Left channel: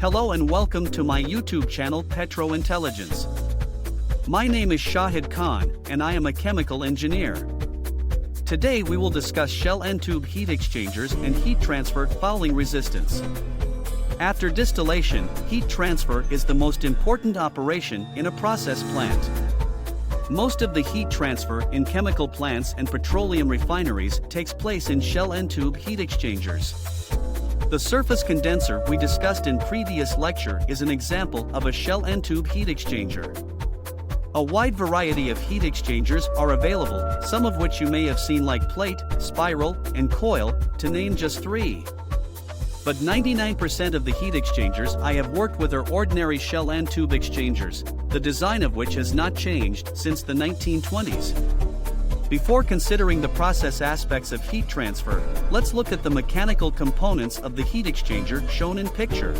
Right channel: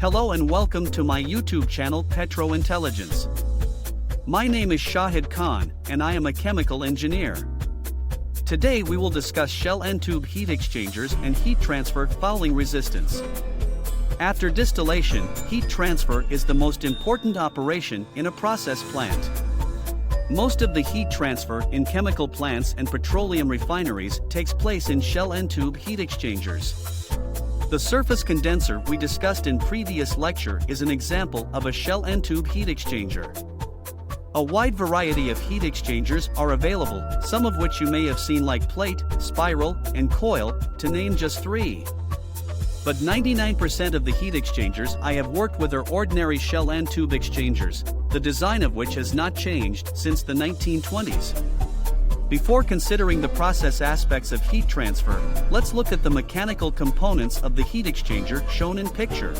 Hello and welcome to my YouTube channel Petro Intelligence. My name is Shahid Khan and I am a chemical engineer. Today we will discuss shell end tube heat exchangers and heat transfer fouling resistance. After distillation, heat transfer is the most important operation in a process plant. Most of the heat transfer in chemical plants and petroleum refineries takes place in shell end tube heat exchangers. The surface condenser we discussed in previous lecture is an example of a shell end tube heat exchanger. A wide variety of heat exchangers are available, some of which you may have seen like plate, spiral, and coil, to name just three. But 99% of the heat exchangers I have worked with are ordinary shell end tube exchangers, the design of which has not changed since the 1920s. Before considering the process aspects of heat transfer, let's look at the mechanical components of the heat exchanger shown in picture.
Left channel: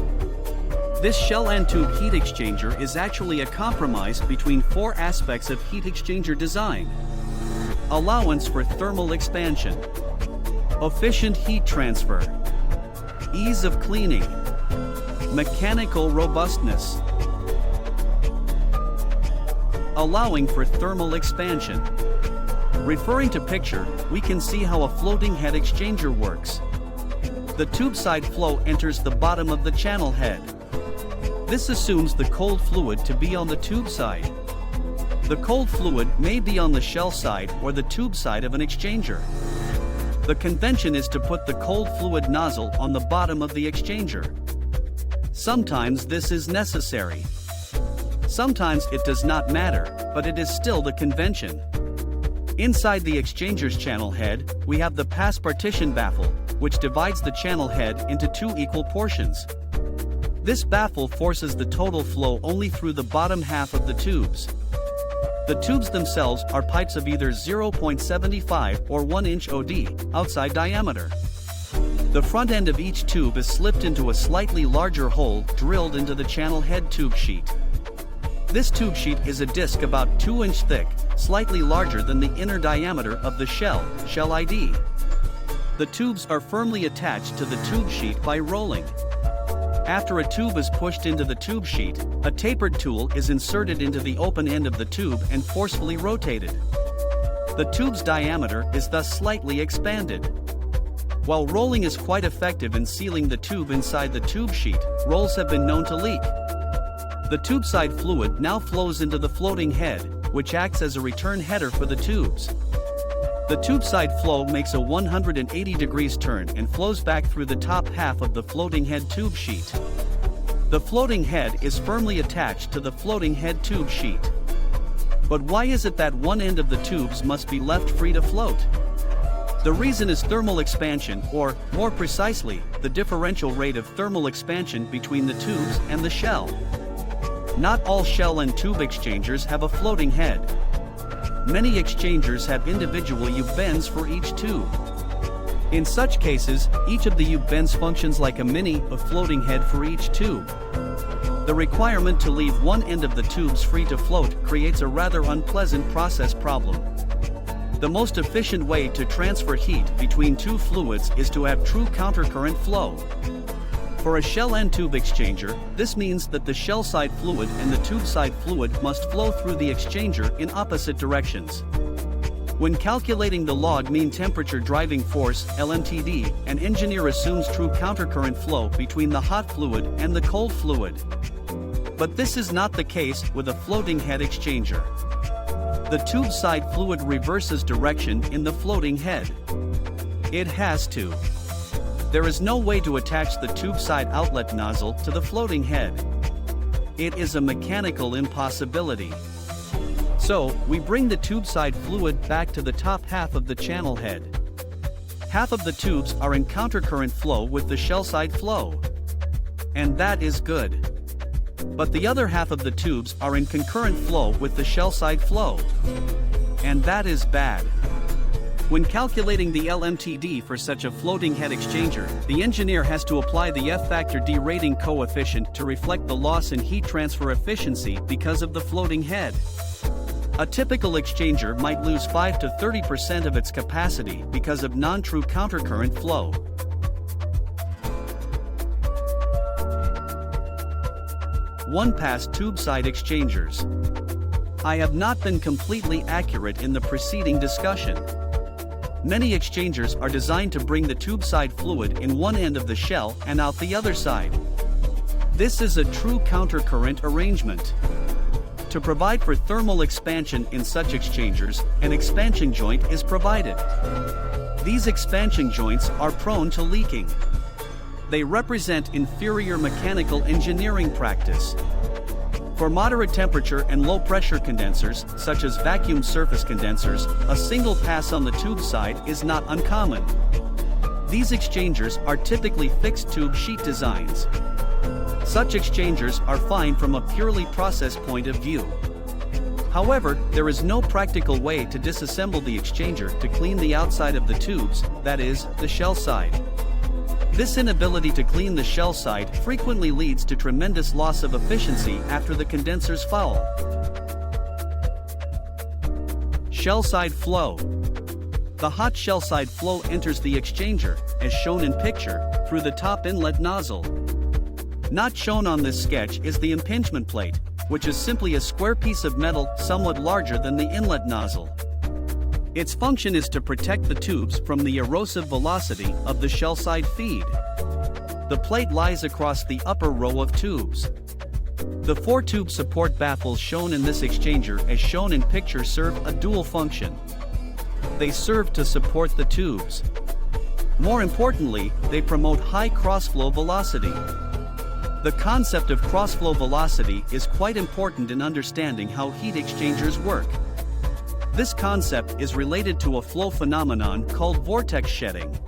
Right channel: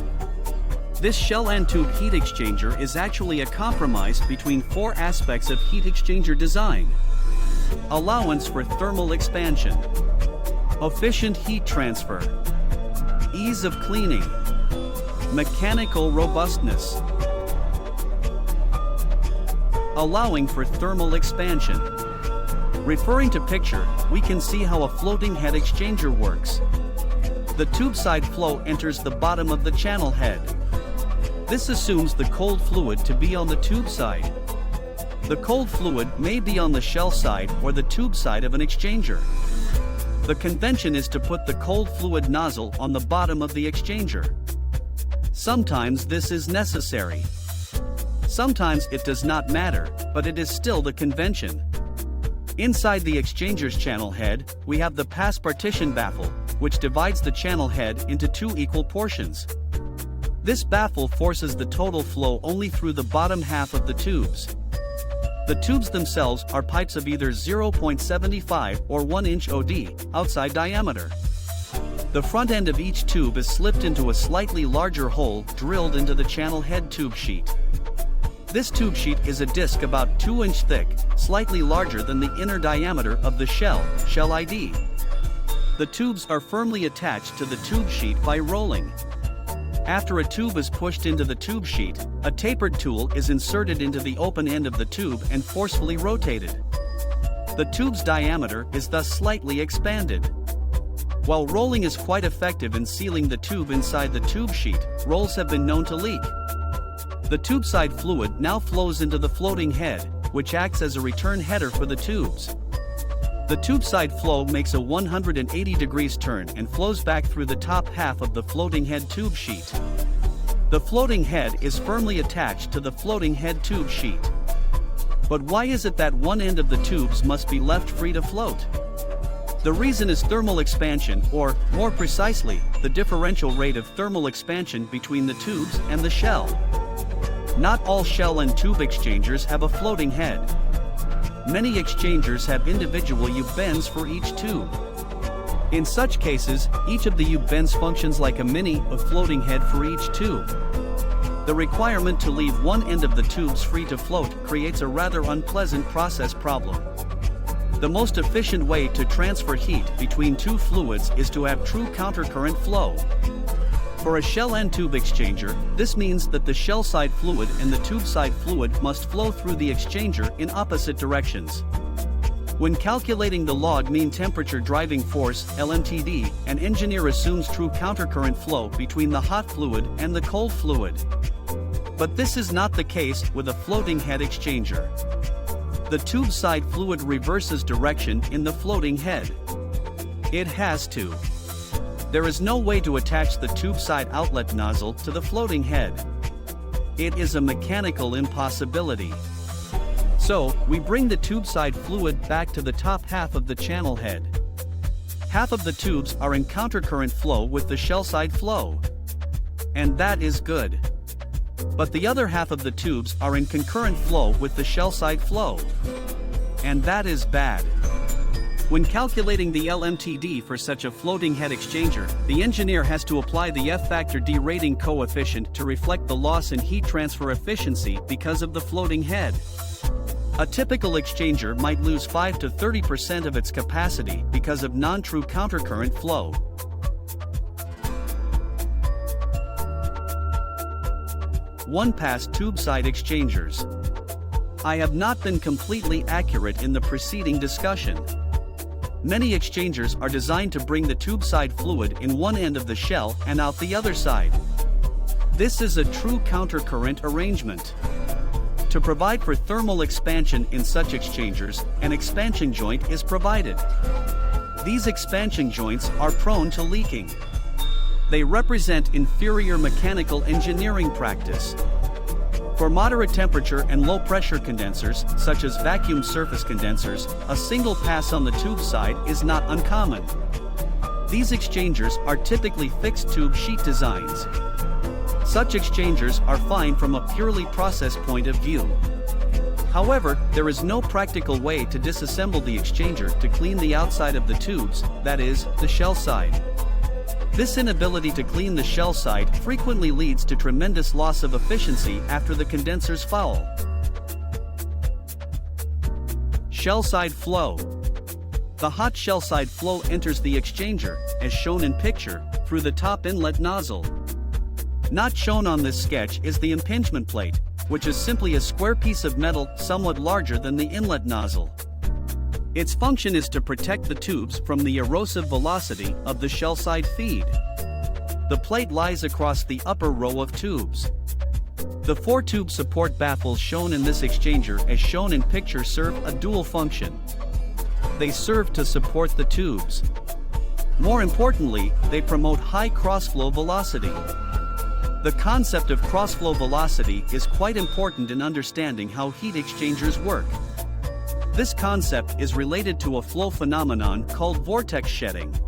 This shell end tube heat exchanger is actually a compromise between four aspects of heat exchanger design. Allowance for thermal expansion, efficient heat transfer, ease of cleaning, mechanical robustness. Allowing for thermal expansion. Referring to picture, we can see how a floating head exchanger works. The tube side flow enters the bottom of the channel head. This assumes the cold fluid to be on the tube side. The cold fluid may be on the shell side or the tube side of an exchanger. The convention is to put the cold fluid nozzle on the bottom of the exchanger. Sometimes this is necessary. Sometimes it does not matter, but it is still the convention. Inside the exchanger's channel head, we have the pass partition baffle, which divides the channel head into two equal portions. This baffle forces the total flow only through the bottom half of the tubes. The tubes themselves are pipes of either 0.75 or 1 inch OD, outside diameter. The front end of each tube is slipped into a slightly larger hole drilled into the channel head tube sheet. This tube sheet is a disc about 2 inch thick, slightly larger than the inner diameter of the shell ID. The tubes are firmly attached to the tube sheet by rolling. After a tube is pushed into the tube sheet, a tapered tool is inserted into the open end of the tube and forcefully rotated. The tube's diameter is thus slightly expanded. While rolling is quite effective in sealing the tube inside the tube sheet, rolls have been known to leak. The tube side fluid now flows into the floating head, which acts as a return header for the tubes. The tube side flow makes a 180 degrees turn and flows back through the top half of the floating head tube sheet. The floating head is firmly attached to the floating head tube sheet. But why is it that one end of the tubes must be left free to float? The reason is thermal expansion, or, more precisely, the differential rate of thermal expansion between the tubes and the shell. Not all shell and tube exchangers have a floating head. Many exchangers have individual U-bends for each tube. In such cases, each of the U-bends functions like a mini floating head for each tube. The requirement to leave one end of the tubes free to float creates a rather unpleasant process problem. The most efficient way to transfer heat between two fluids is to have true countercurrent flow. For a shell end tube exchanger, this means that the shell side fluid and the tube side fluid must flow through the exchanger in opposite directions. When calculating the log mean temperature driving force (LMTD), an engineer assumes true countercurrent flow between the hot fluid and the cold fluid. But this is not the case with a floating head exchanger. The tube side fluid reverses direction in the floating head. It has to. There is no way to attach the tube side outlet nozzle to the floating head. It is a mechanical impossibility. So, we bring the tube side fluid back to the top half of the channel head. Half of the tubes are in countercurrent flow with the shell side flow. And that is good. But the other half of the tubes are in concurrent flow with the shell side flow. And that is bad. When calculating the LMTD for such a floating head exchanger, the engineer has to apply the F-factor derating coefficient to reflect the loss in heat transfer efficiency because of the floating head. A typical exchanger might lose 5 to 30% of its capacity because of non-true countercurrent flow. one-pass tube side exchangers. I have not been completely accurate in the preceding discussion. Many exchangers are designed to bring the tube side fluid in one end of the shell and out the other side. This is a true countercurrent arrangement. To provide for thermal expansion in such exchangers, an expansion joint is provided. These expansion joints are prone to leaking. They represent inferior mechanical engineering practice. For moderate temperature and low pressure condensers, such as vacuum surface condensers, a single pass on the tube side is not uncommon. These exchangers are typically fixed tube sheet designs. Such exchangers are fine from a purely process point of view. However, there is no practical way to disassemble the exchanger to clean the outside of the tubes, that is, the shell side. This inability to clean the shell side frequently leads to tremendous loss of efficiency after the condensers foul. Shell side flow. The hot shell side flow enters the exchanger, as shown in picture, through the top inlet nozzle. Not shown on this sketch is the impingement plate, which is simply a square piece of metal somewhat larger than the inlet nozzle. Its function is to protect the tubes from the erosive velocity of the shell side feed. The plate lies across the upper row of tubes. The 4 tube support baffles shown in this exchanger as shown in picture serve a dual function. They serve to support the tubes. More importantly, they promote high crossflow velocity. The concept of crossflow velocity is quite important in understanding how heat exchangers work. This concept is related to a flow phenomenon called vortex shedding.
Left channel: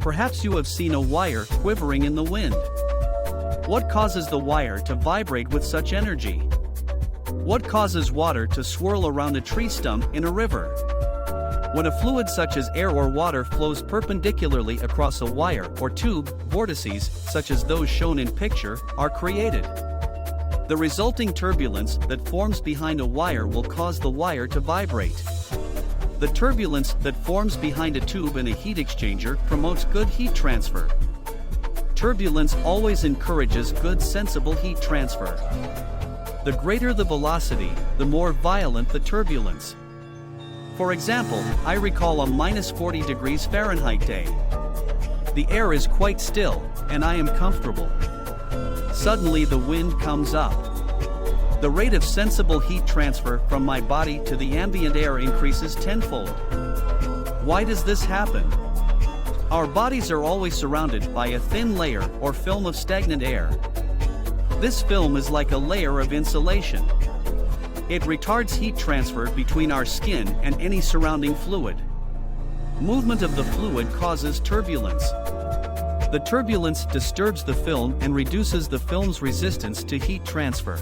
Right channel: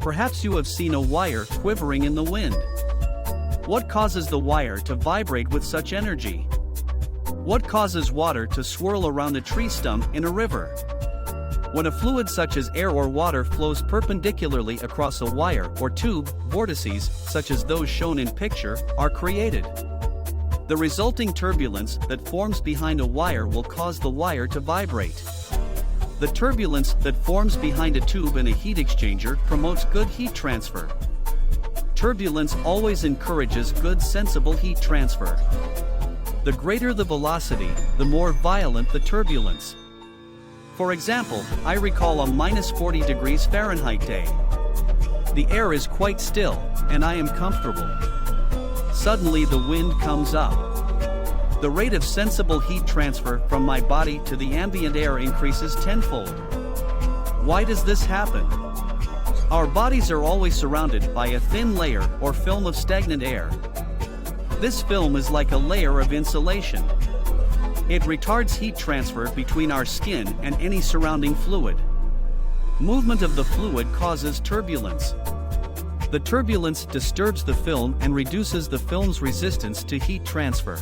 Perhaps you have seen a wire quivering in the wind. What causes the wire to vibrate with such energy? What causes water to swirl around a tree stump in a river? When a fluid such as air or water flows perpendicularly across a wire or tube, vortices, such as those shown in picture, are created. The resulting turbulence that forms behind a wire will cause the wire to vibrate. The turbulence that forms behind a tube in a heat exchanger promotes good heat transfer. Turbulence always encourages good sensible heat transfer. The greater the velocity, the more violent the turbulence. For example, I recall a -40 degrees Fahrenheit day. The air is quite still, and I am comfortable. Suddenly the wind comes up. The rate of sensible heat transfer from my body to the ambient air increases tenfold. Why does this happen? Our bodies are always surrounded by a thin layer or film of stagnant air. This film is like a layer of insulation. It retards heat transfer between our skin and any surrounding fluid. Movement of the fluid causes turbulence. The turbulence disturbs the film and reduces the film's resistance to heat transfer.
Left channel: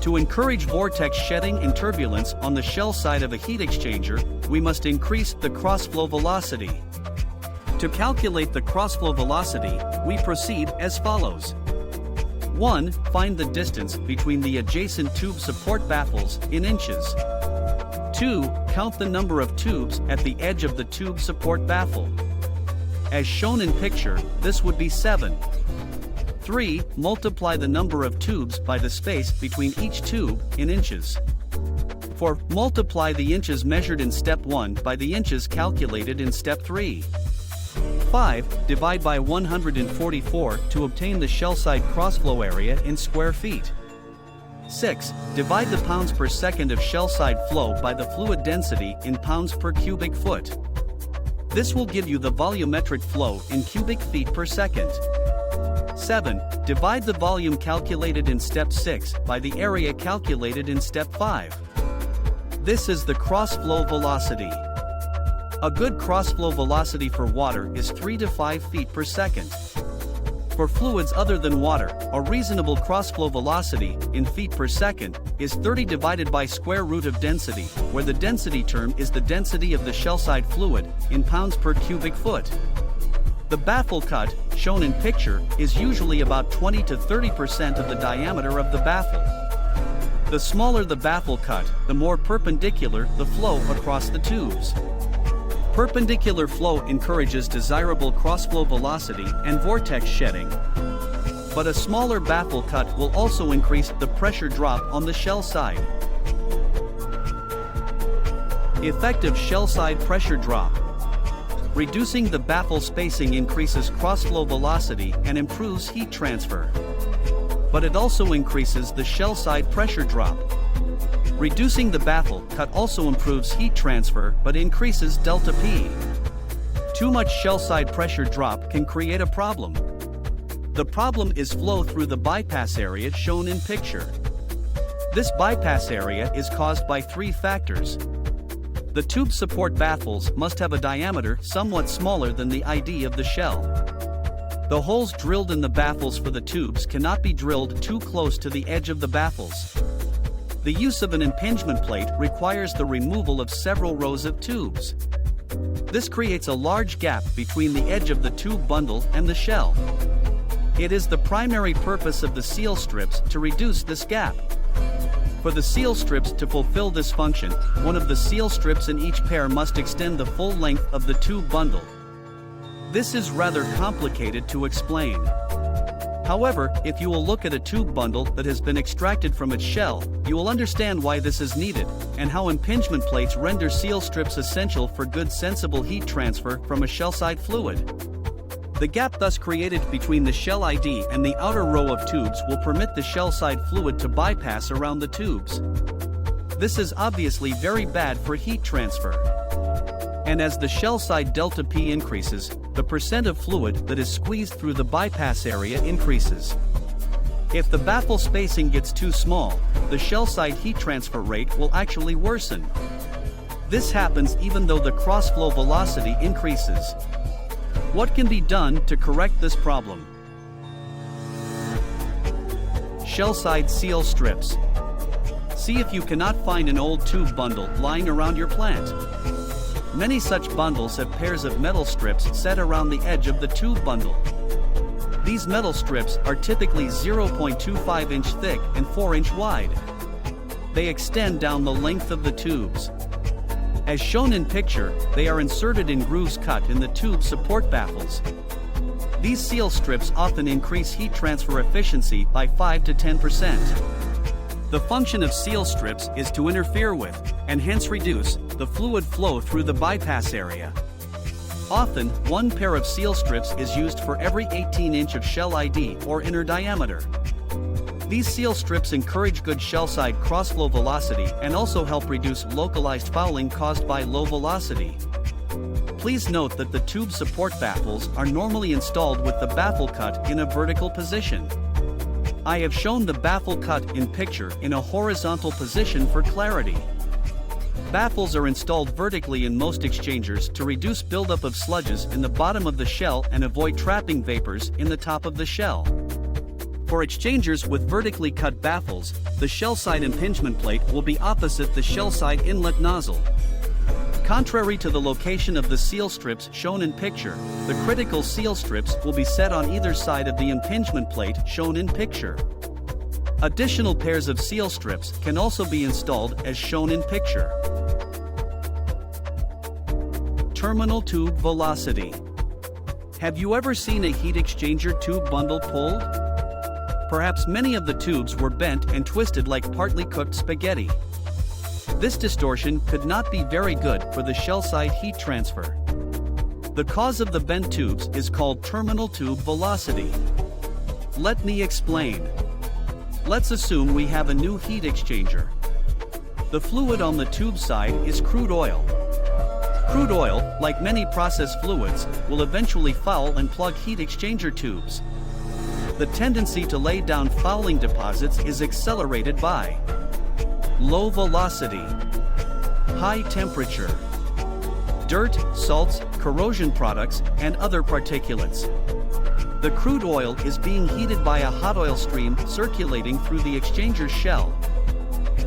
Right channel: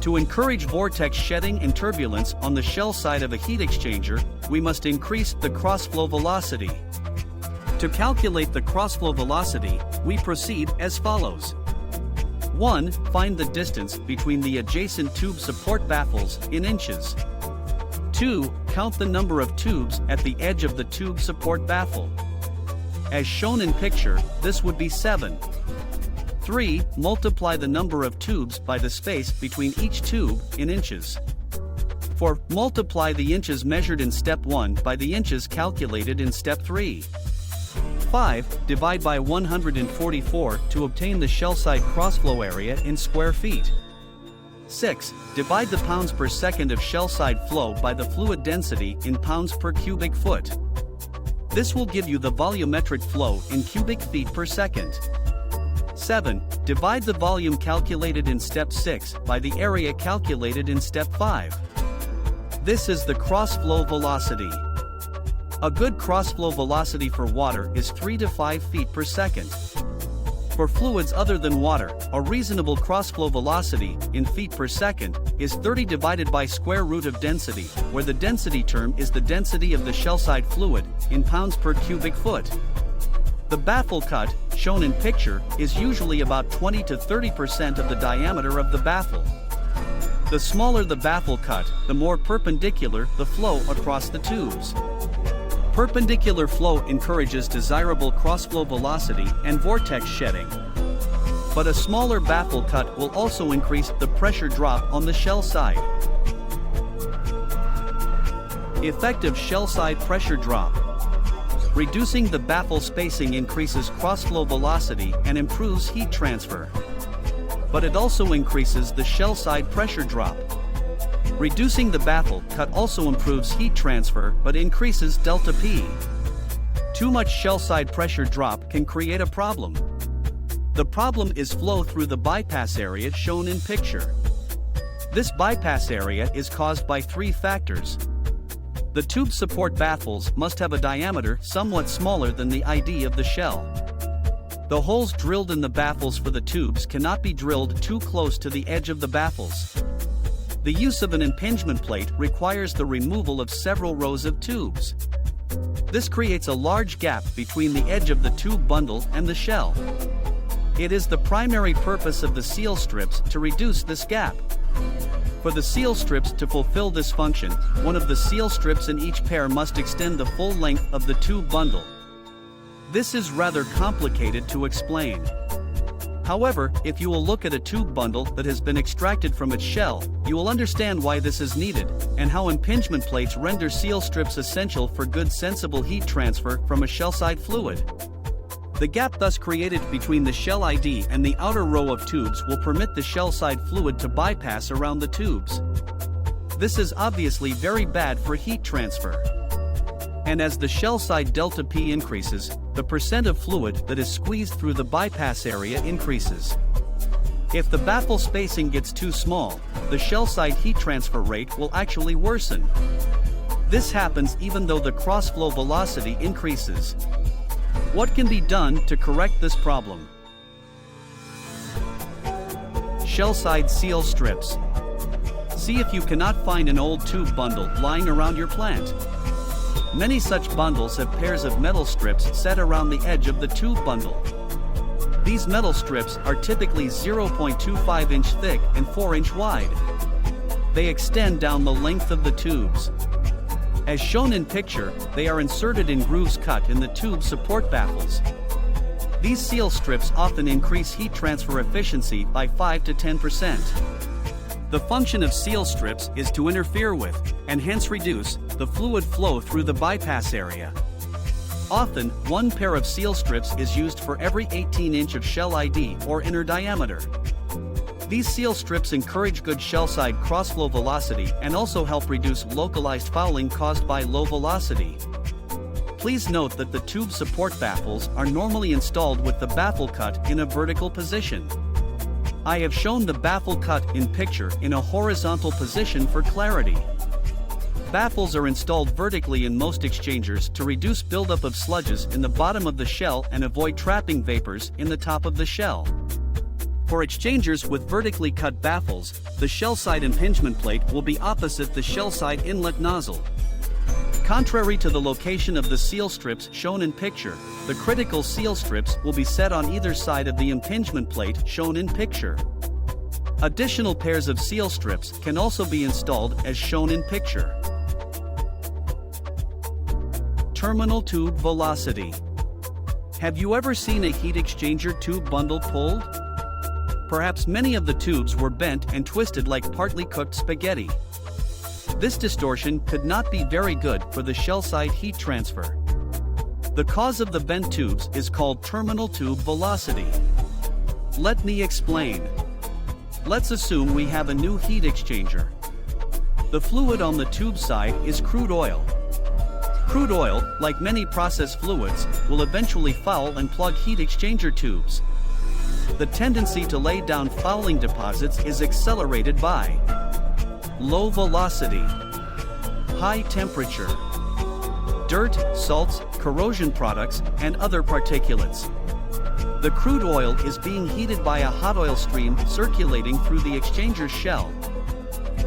To encourage vortex shedding and turbulence on the shell side of a heat exchanger, we must increase the crossflow velocity. To calculate the crossflow velocity, we proceed as follows. 1. Find the distance between the adjacent tube support baffles in inches. 2. Count the number of tubes at the edge of the tube support baffle. As shown in picture, this would be 7. 3. Multiply the number of tubes by the space between each tube in inches. 4. Multiply the inches measured in step 1 by the inches calculated in step 3. 5. Divide by 144 to obtain the shell side crossflow area in square feet. 6. Divide the pounds per second of shell side flow by the fluid density in pounds per cubic foot. This will give you the volumetric flow in cubic feet per second. 7. Divide the volume calculated in step 6 by the area calculated in step 5. This is the crossflow velocity. A good crossflow velocity for water is 3 to 5 feet per second. For fluids other than water, a reasonable crossflow velocity, in feet per second, is 30 divided by square root of density, where the density term is the density of the shell side fluid, in pounds per cubic foot. The baffle cut, shown in picture, is usually about 20 to 30% of the diameter of the baffle. The smaller the baffle cut, the more perpendicular the flow across the tubes. Perpendicular flow encourages desirable crossflow velocity and vortex shedding. But a smaller baffle cut will also increase the pressure drop on the shell side. Effective shell side pressure drop. Reducing the baffle spacing increases cross-flow velocity and improves heat transfer. But it also increases the shell side pressure drop. Reducing the baffle cut also improves heat transfer but increases delta P. Too much shell side pressure drop can create a problem. The problem is flow through the bypass area shown in picture. This bypass area is caused by three factors. The tube support baffles must have a diameter somewhat smaller than the ID of the shell. The holes drilled in the baffles for the tubes cannot be drilled too close to the edge of the baffles. The use of an impingement plate requires the removal of several rows of tubes. This creates a large gap between the edge of the tube bundle and the shell. It is the primary purpose of the seal strips to reduce this gap. For the seal strips to fulfill this function, one of the seal strips in each pair must extend the full length of the tube bundle. This is rather complicated to explain. However, if you will look at a tube bundle that has been extracted from its shell, you will understand why this is needed, and how impingement plates render seal strips essential for good sensible heat transfer from a shell-side fluid. The gap thus created between the shell ID and the outer row of tubes will permit the shell-side fluid to bypass around the tubes. This is obviously very bad for heat transfer. And as the shell side delta P increases, the percent of fluid that is squeezed through the bypass area increases. If the baffle spacing gets too small, the shell side heat transfer rate will actually worsen. This happens even though the cross-flow velocity increases. What can be done to correct this problem? Shell side seal strips. See if you cannot find an old tube bundle lying around your plant. Many such bundles have pairs of metal strips set around the edge of the tube bundle. These metal strips are typically 0.25 inch thick and 4 inch wide. They extend down the length of the tubes. As shown in picture, they are inserted in grooves cut in the tube support baffles. These seal strips often increase heat transfer efficiency by 5 to 10%. The function of seal strips is to interfere with, and hence reduce, the fluid flow through the bypass area. Often, one pair of seal strips is used for every 18 inch of shell ID or inner diameter. These seal strips encourage good shell side cross-flow velocity and also help reduce localized fouling caused by low velocity. Please note that the tube support baffles are normally installed with the baffle cut in a vertical position. I have shown the baffle cut in picture in a horizontal position for clarity. Baffles are installed vertically in most exchangers to reduce buildup of sludges in the bottom of the shell and avoid trapping vapors in the top of the shell. For exchangers with vertically cut baffles, the shell side impingement plate will be opposite the shell side inlet nozzle. Contrary to the location of the seal strips shown in picture, the critical seal strips will be set on either side of the impingement plate shown in picture. Additional pairs of seal strips can also be installed as shown in picture. Terminal tube velocity. Have you ever seen a heat exchanger tube bundle pulled? Perhaps many of the tubes were bent and twisted like partly cooked spaghetti. This distortion could not be very good for the shell side heat transfer. The cause of the bent tubes is called terminal tube velocity. Let me explain. Let's assume we have a new heat exchanger. The fluid on the tube side is crude oil. Crude oil, like many process fluids, will eventually foul and plug heat exchanger tubes. The tendency to lay down fouling deposits is accelerated by low velocity, high temperature, dirt, salts, corrosion products, and other particulates. The crude oil is being heated by a hot oil stream circulating through the exchanger's shell.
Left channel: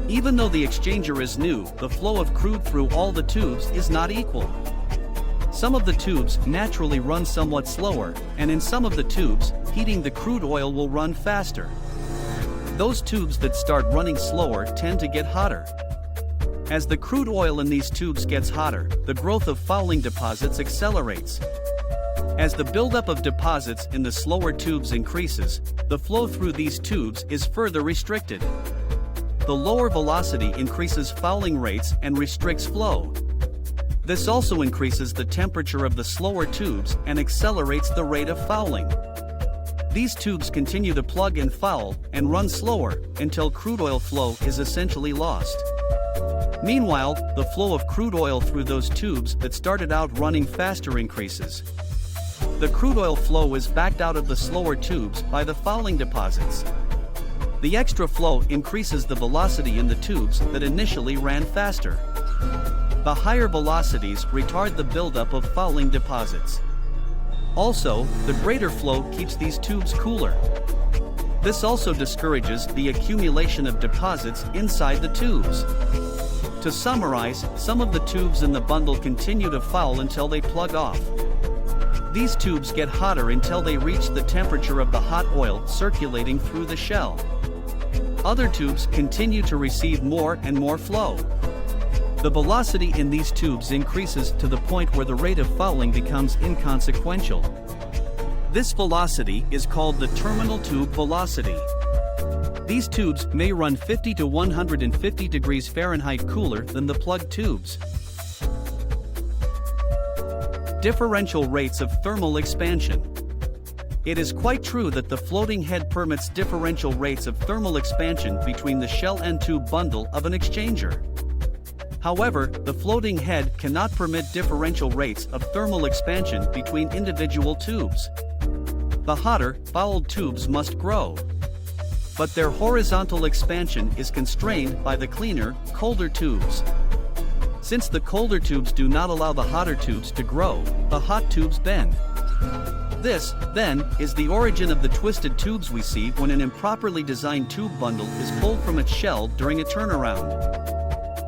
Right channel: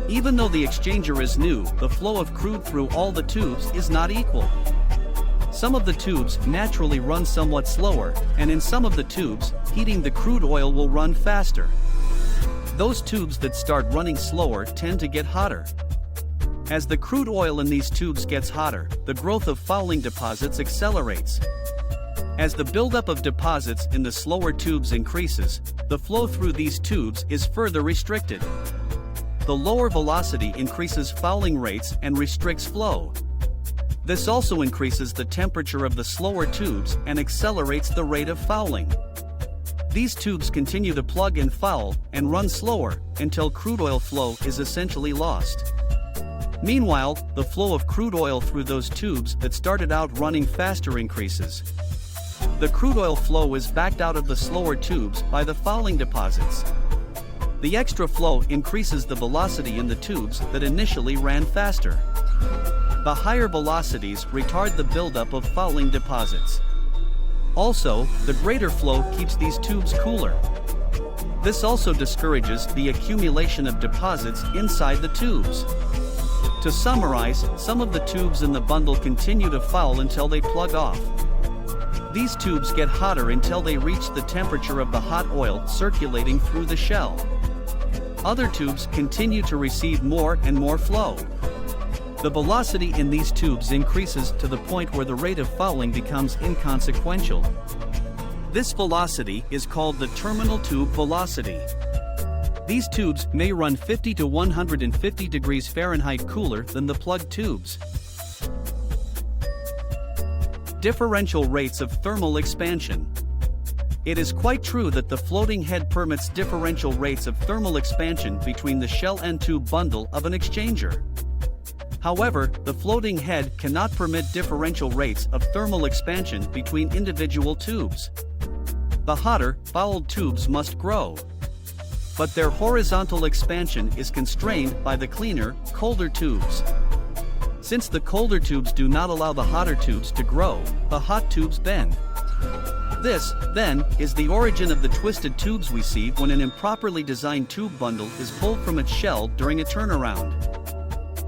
Even though the exchanger is new, the flow of crude through all the tubes is not equal. Some of the tubes naturally run somewhat slower, and in some of the tubes, heating the crude oil will run faster. Those tubes that start running slower tend to get hotter. As the crude oil in these tubes gets hotter, the growth of fouling deposits accelerates. As the buildup of deposits in the slower tubes increases, the flow through these tubes is further restricted. The lower velocity increases fouling rates and restricts flow. This also increases the temperature of the slower tubes and accelerates the rate of fouling. These tubes continue to plug and foul and run slower until crude oil flow is essentially lost. Meanwhile, the flow of crude oil through those tubes that started out running faster increases. The crude oil flow is backed out of the slower tubes by the fouling deposits. The extra flow increases the velocity in the tubes that initially ran faster. The higher velocities retard the buildup of fouling deposits. Also, the greater flow keeps these tubes cooler. This also discourages the accumulation of deposits inside the tubes. To summarize, some of the tubes in the bundle continue to foul until they plug off. These tubes get hotter until they reach the temperature of the hot oil circulating through the shell. Other tubes continue to receive more and more flow. The velocity in these tubes increases to the point where the rate of fouling becomes inconsequential. This velocity is called the terminal tube velocity. These tubes may run 50 to 150 degrees Fahrenheit cooler than the plugged tubes. Differential rates of thermal expansion. It is quite true that the floating head permits differential rates of thermal expansion between the shell and tube bundle of an exchanger. However, the floating head cannot permit differential rates of thermal expansion between individual tubes. The hotter, fouled tubes must grow. But their horizontal expansion is constrained by the cleaner, colder tubes. Since the colder tubes do not allow the hotter tubes to grow, the hot tubes bend. This, then, is the origin of the twisted tubes we see when an improperly designed tube bundle is pulled from its shell during a turnaround.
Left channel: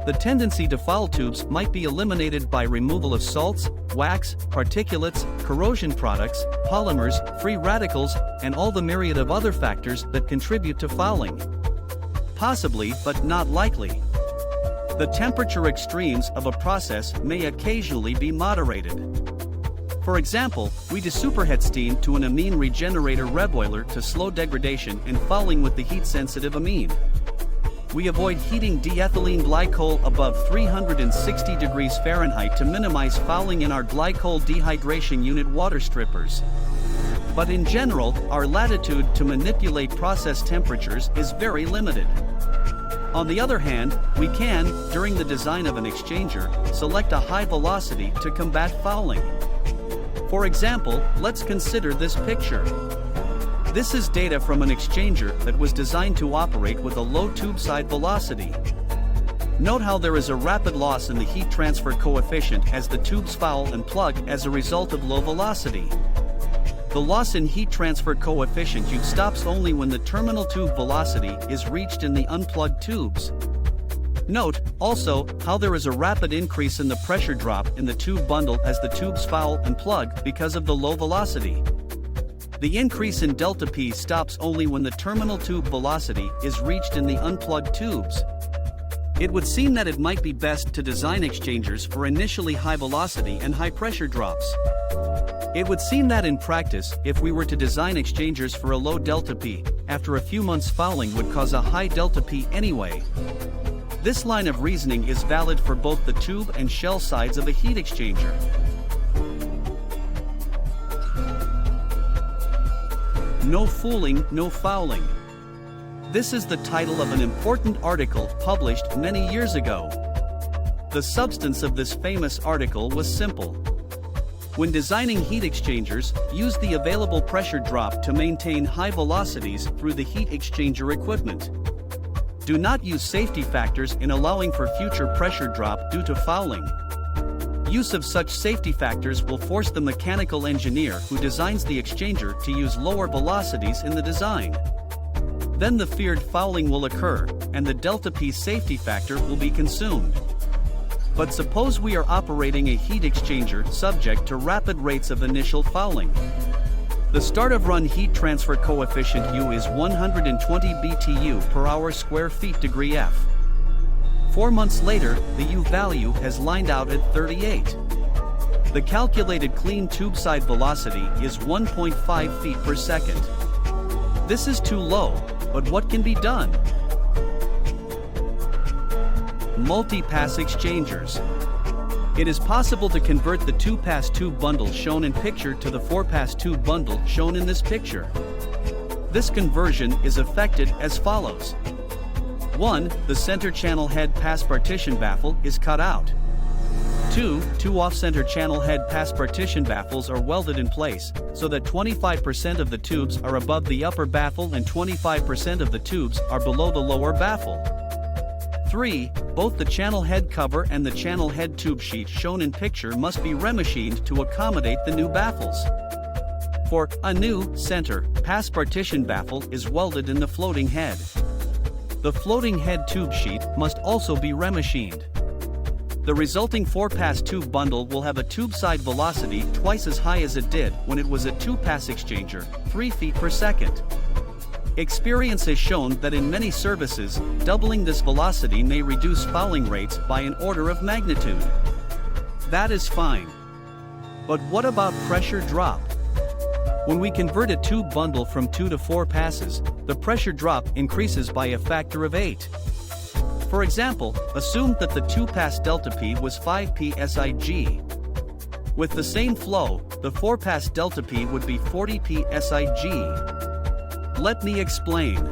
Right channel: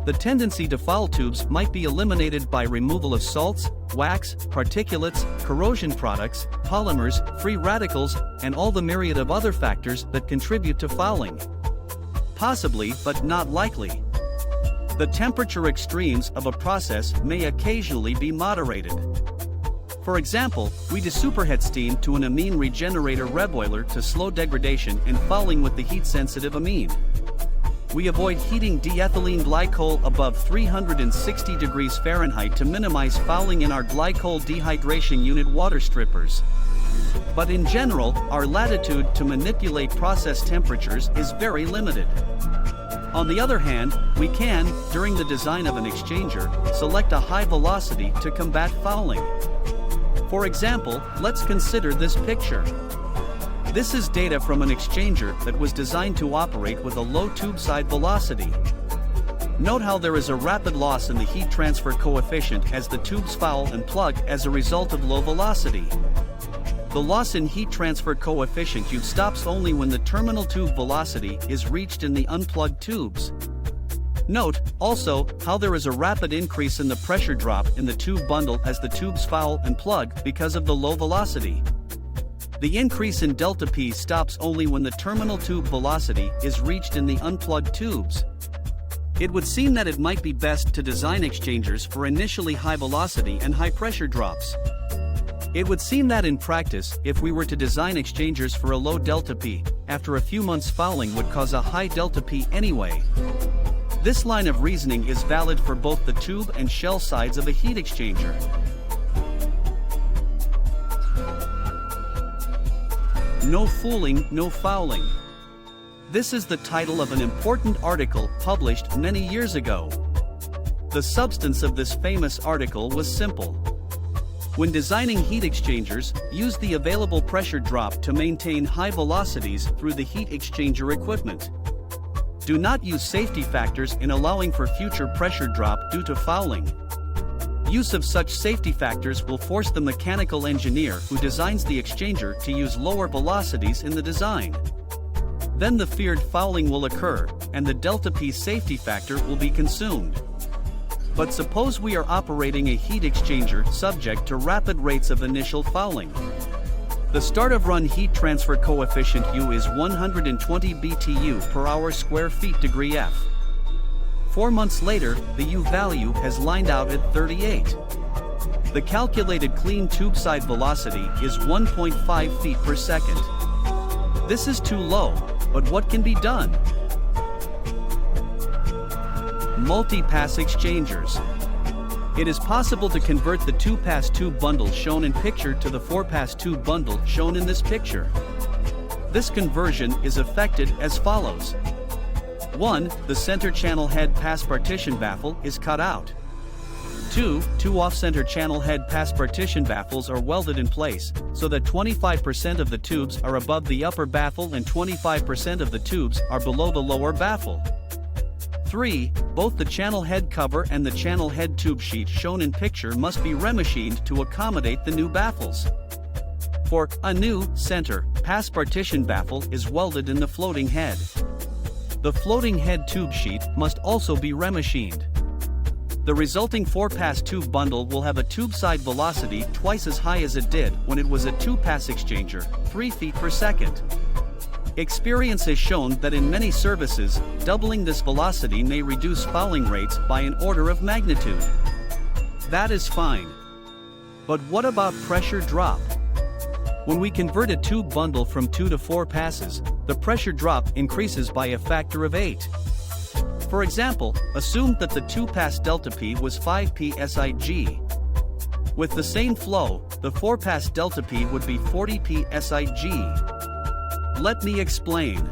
The tendency to foul tubes might be eliminated by removal of salts, wax, particulates, corrosion products, polymers, free radicals, and all the myriad of other factors that contribute to fouling. Possibly, but not likely. The temperature extremes of a process may occasionally be moderated. For example, we desuperheat steam to an amine regenerator reboiler to slow degradation and fouling with the heat-sensitive amine. We avoid heating diethylene glycol above 360 degrees Fahrenheit to minimize fouling in our glycol dehydration unit water strippers. But in general, our latitude to manipulate process temperatures is very limited. On the other hand, we can, during the design of an exchanger, select a high velocity to combat fouling. For example, let's consider this picture. This is data from an exchanger that was designed to operate with a low tube side velocity. Note how there is a rapid loss in the heat transfer coefficient as the tubes foul and plug as a result of low velocity. The loss in heat transfer coefficient U stops only when the terminal tube velocity is reached in the unplugged tubes. Note, also, how there is a rapid increase in the pressure drop in the tube bundle as the tubes foul and plug because of the low velocity. The increase in delta P stops only when the terminal tube velocity is reached in the unplugged tubes. It would seem that it might be best to design exchangers for initially high velocity and high pressure drops. It would seem that in practice, if we were to design exchangers for a low delta P, after a few months fouling would cause a high delta P anyway. This line of reasoning is valid for both the tube and shell sides of a heat exchanger. No fooling, no fouling. This is the title of an important article published many years ago. The substance of this famous article was simple. When designing heat exchangers, use the available pressure drop to maintain high velocities through the heat exchanger equipment. Do not use safety factors in allowing for future pressure drop due to fouling. Use of such safety factors will force the mechanical engineer who designs the exchanger to use lower velocities in the design. Then the feared fouling will occur, and the delta P safety factor will be consumed. But suppose we are operating a heat exchanger subject to rapid rates of initial fouling. The start of run heat transfer coefficient U is 120 BTU per hour square feet degree F. 4 months later, the U value has lined out at 38. The calculated clean tube side velocity is 1.5 feet per second. This is too low, but what can be done? Multi-pass exchangers. It is possible to convert the 2-pass tube bundle shown in picture to the 4-pass tube bundle shown in this picture. This conversion is effected as follows. 1. The center channel head pass partition baffle is cut out. 2. Two off-center channel head pass partition baffles are welded in place, so that 25% of the tubes are above the upper baffle and 25% of the tubes are below the lower baffle. 3. Both the channel head cover and the channel head tube sheet shown in picture must be remachined to accommodate the new baffles. For a new center pass partition baffle is welded in the floating head. The floating head tube sheet must also be remachined. The resulting 4-pass tube bundle will have a tube side velocity twice as high as it did when it was a 2-pass exchanger, 3 feet per second. Experience has shown that in many services, doubling this velocity may reduce fouling rates by an order of magnitude. That is fine. But what about pressure drop? When we convert a tube bundle from 2 to 4 passes, the pressure drop increases by a factor of 8. For example, assume that the 2-pass delta P was 5 psig. With the same flow, the 4-pass delta P would be 40 psig. Let me explain.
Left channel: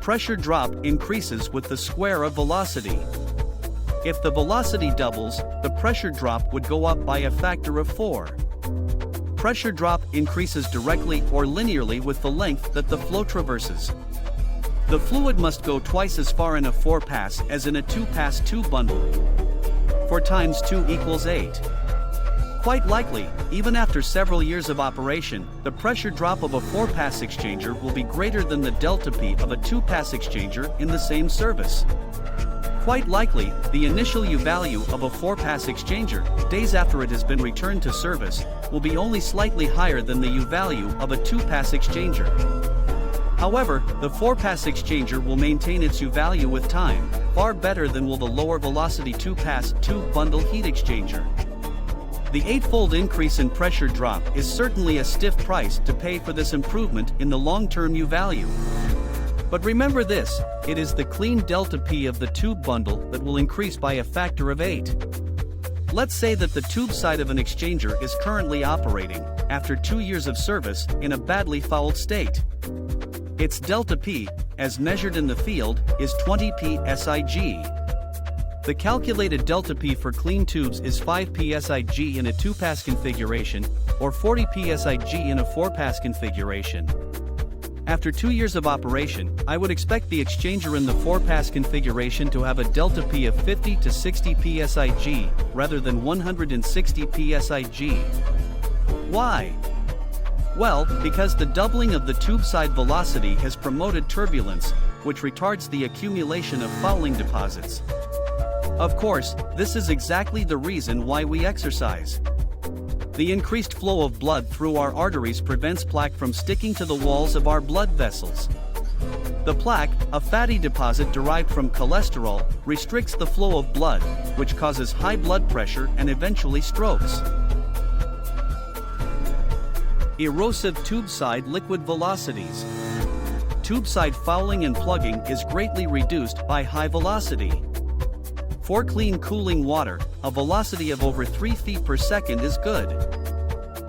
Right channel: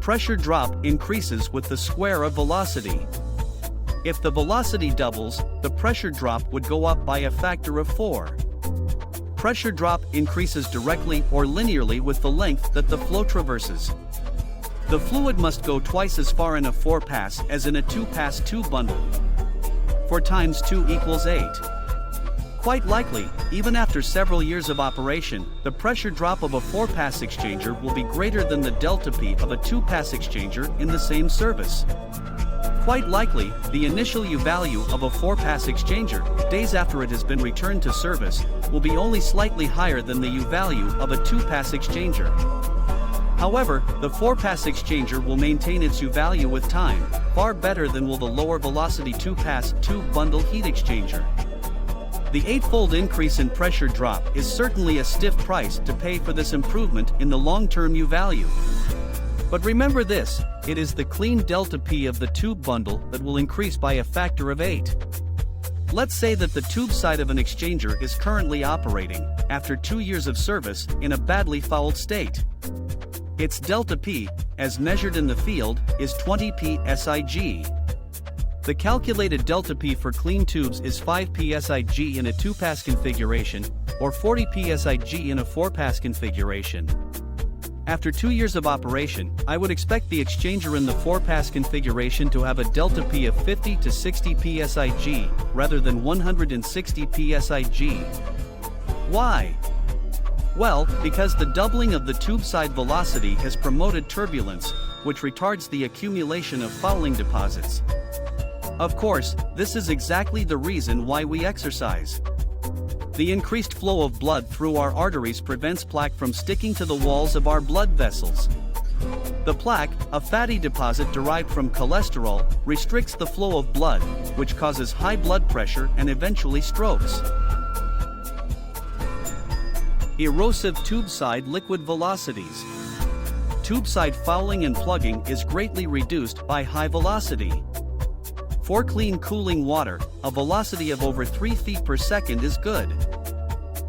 Pressure drop increases with the square of velocity. If the velocity doubles, the pressure drop would go up by a factor of 4. Pressure drop increases directly or linearly with the length that the flow traverses. The fluid must go twice as far in a 4-pass as in a 2-pass tube bundle. 4 times 2 equals 8. Quite likely, even after several years of operation, the pressure drop of a 4-pass exchanger will be greater than the delta P of a 2-pass exchanger in the same service. Quite likely, the initial U value of a 4-pass exchanger, days after it has been returned to service, will be only slightly higher than the U value of a 2-pass exchanger. However, the 4-pass exchanger will maintain its U value with time, far better than will the lower velocity 2-pass tube bundle heat exchanger. The 8-fold increase in pressure drop is certainly a stiff price to pay for this improvement in the long-term U value. But remember this, it is the clean delta P of the tube bundle that will increase by a factor of 8. Let's say that the tube side of an exchanger is currently operating, after 2 years of service, in a badly fouled state. Its delta P, as measured in the field, is 20 psig. The calculated delta P for clean tubes is 5 psig in a 2-pass configuration, or 40 psig in a 4-pass configuration. After 2 years of operation, I would expect the exchanger in the 4-pass configuration to have a delta P of 50 to 60 psig, rather than 160 psig. Why? Well, because the doubling of the tube side velocity has promoted turbulence, which retards the accumulation of fouling deposits. Of course, this is exactly the reason why we exercise. The increased flow of blood through our arteries prevents plaque from sticking to the walls of our blood vessels. The plaque, a fatty deposit derived from cholesterol, restricts the flow of blood, which causes high blood pressure and eventually strokes. Erosive tube side liquid velocities. Tube side fouling and plugging is greatly reduced by high velocity. For clean cooling water, a velocity of over 3 feet per second is good.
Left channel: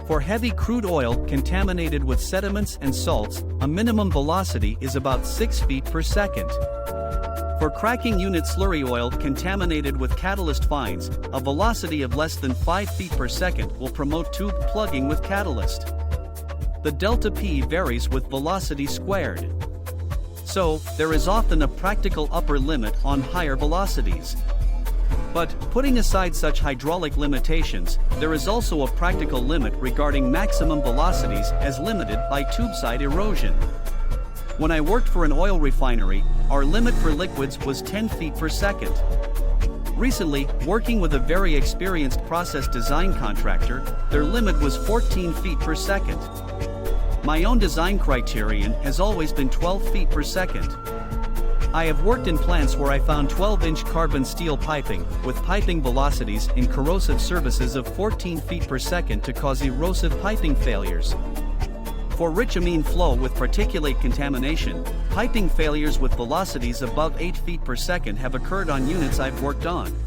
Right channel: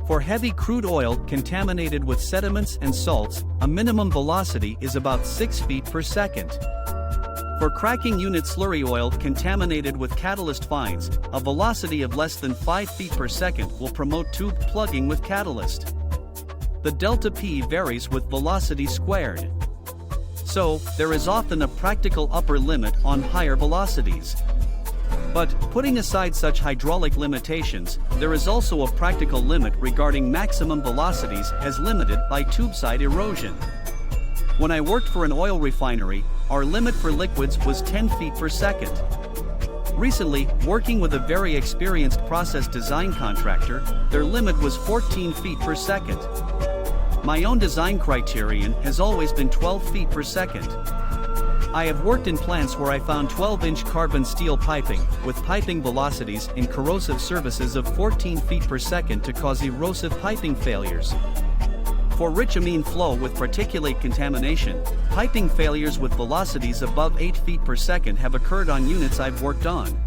For heavy crude oil contaminated with sediments and salts, a minimum velocity is about 6 feet per second. For cracking unit slurry oil contaminated with catalyst fines, a velocity of less than 5 feet per second will promote tube plugging with catalyst. The delta P varies with velocity squared. So, there is often a practical upper limit on higher velocities. But, putting aside such hydraulic limitations, there is also a practical limit regarding maximum velocities as limited by tubeside erosion. When I worked for an oil refinery, our limit for liquids was 10 feet per second. Recently, working with a very experienced process design contractor, their limit was 14 feet per second. My own design criterion has always been 12 feet per second. I have worked in plants where I found 12-inch carbon steel piping, with piping velocities in corrosive surfaces of 14 feet per second to cause erosive piping failures. For rich amine flow with particulate contamination, piping failures with velocities above 8 feet per second have occurred on units I've worked on.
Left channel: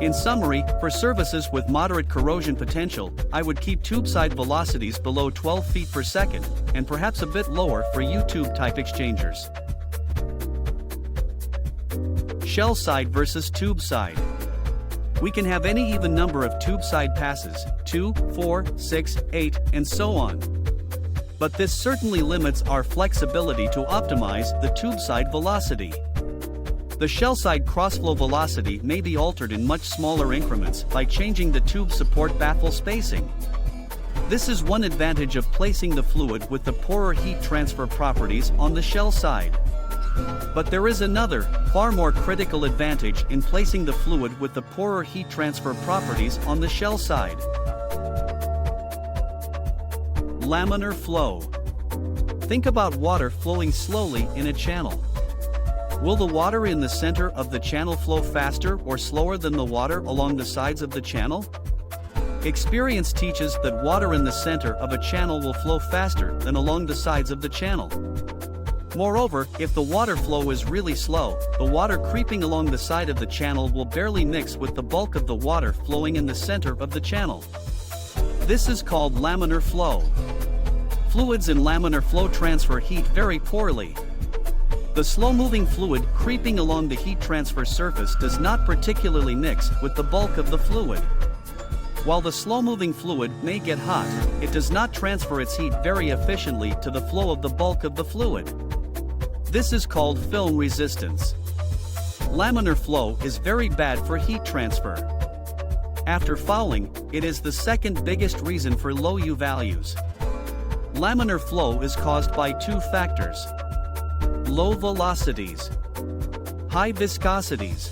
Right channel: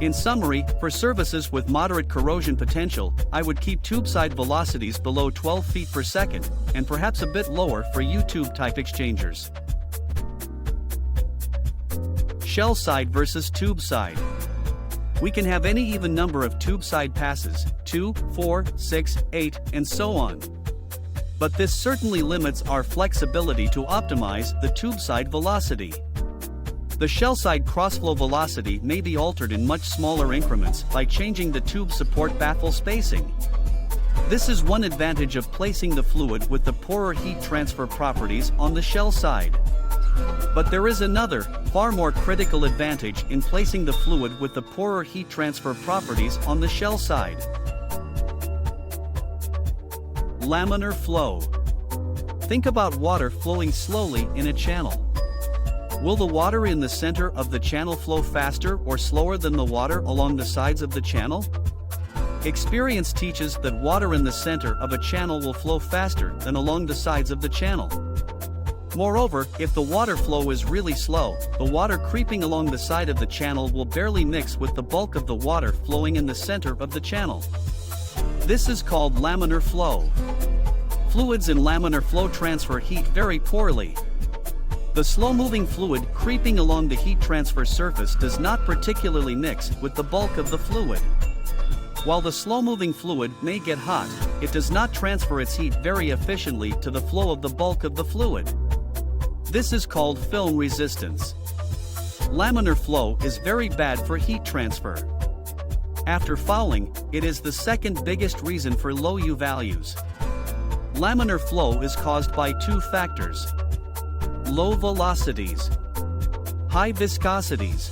In summary, for surfaces with moderate corrosion potential, I would keep tube side velocities below 12 feet per second, and perhaps a bit lower for U-tube type exchangers. Shell side versus tube side. We can have any even number of tube side passes, 2, 4, 6, 8, and so on. But this certainly limits our flexibility to optimize the tube side velocity. The shell side crossflow velocity may be altered in much smaller increments by changing the tube support baffle spacing. This is one advantage of placing the fluid with the poorer heat transfer properties on the shell side. But there is another, far more critical advantage in placing the fluid with the poorer heat transfer properties on the shell side. Laminar flow. Think about water flowing slowly in a channel. Will the water in the center of the channel flow faster or slower than the water along the sides of the channel? Experience teaches that water in the center of a channel will flow faster than along the sides of the channel. Moreover, if the water flow is really slow, the water creeping along the side of the channel will barely mix with the bulk of the water flowing in the center of the channel. This is called laminar flow. Fluids in laminar flow transfer heat very poorly. The slow-moving fluid creeping along the heat transfer surface does not particularly mix with the bulk of the fluid. While the slow-moving fluid may get hot, it does not transfer its heat very efficiently to the flow of the bulk of the fluid. This is called film resistance. Laminar flow is very bad for heat transfer. After fouling, it is the second biggest reason for low U values. Laminar flow is caused by two factors: low velocities, high viscosities.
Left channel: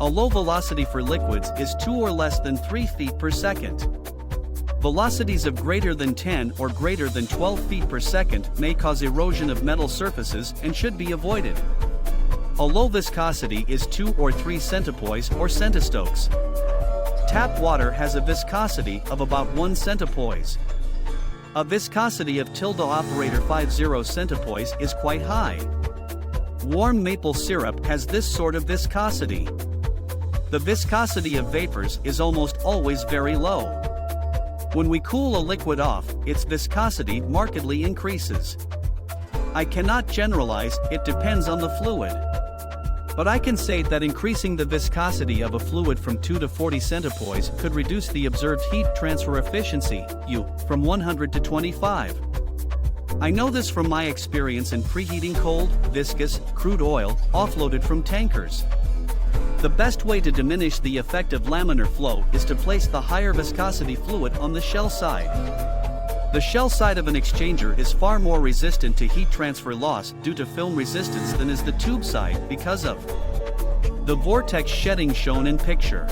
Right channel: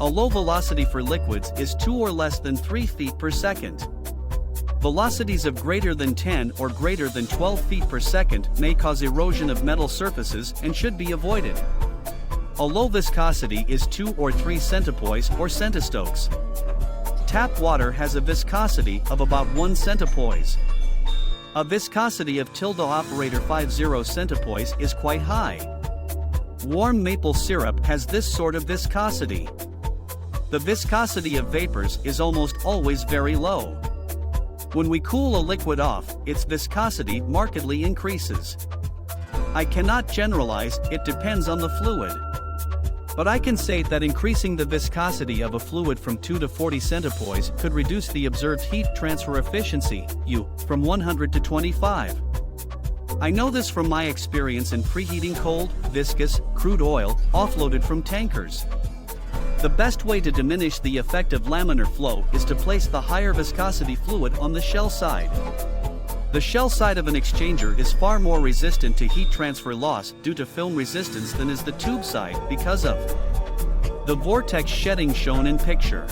A low velocity for liquids is 2 or less than 3 feet per second. Velocities of greater than 10 or greater than 12 feet per second may cause erosion of metal surfaces and should be avoided. A low viscosity is 2 or 3 centipoise or centistokes. Tap water has a viscosity of about 1 centipoise. A viscosity of tilde operator 50 centipoise is quite high. Warm maple syrup has this sort of viscosity. The viscosity of vapors is almost always very low. When we cool a liquid off, its viscosity markedly increases. I cannot generalize, it depends on the fluid. But I can say that increasing the viscosity of a fluid from 2 to 40 centipoise could reduce the observed heat transfer efficiency, U, from 100 to 25. I know this from my experience in preheating cold, viscous, crude oil, offloaded from tankers. The best way to diminish the effect of laminar flow is to place the higher viscosity fluid on the shell side. The shell side of an exchanger is far more resistant to heat transfer loss due to film resistance than is the tube side because of the vortex shedding shown in picture,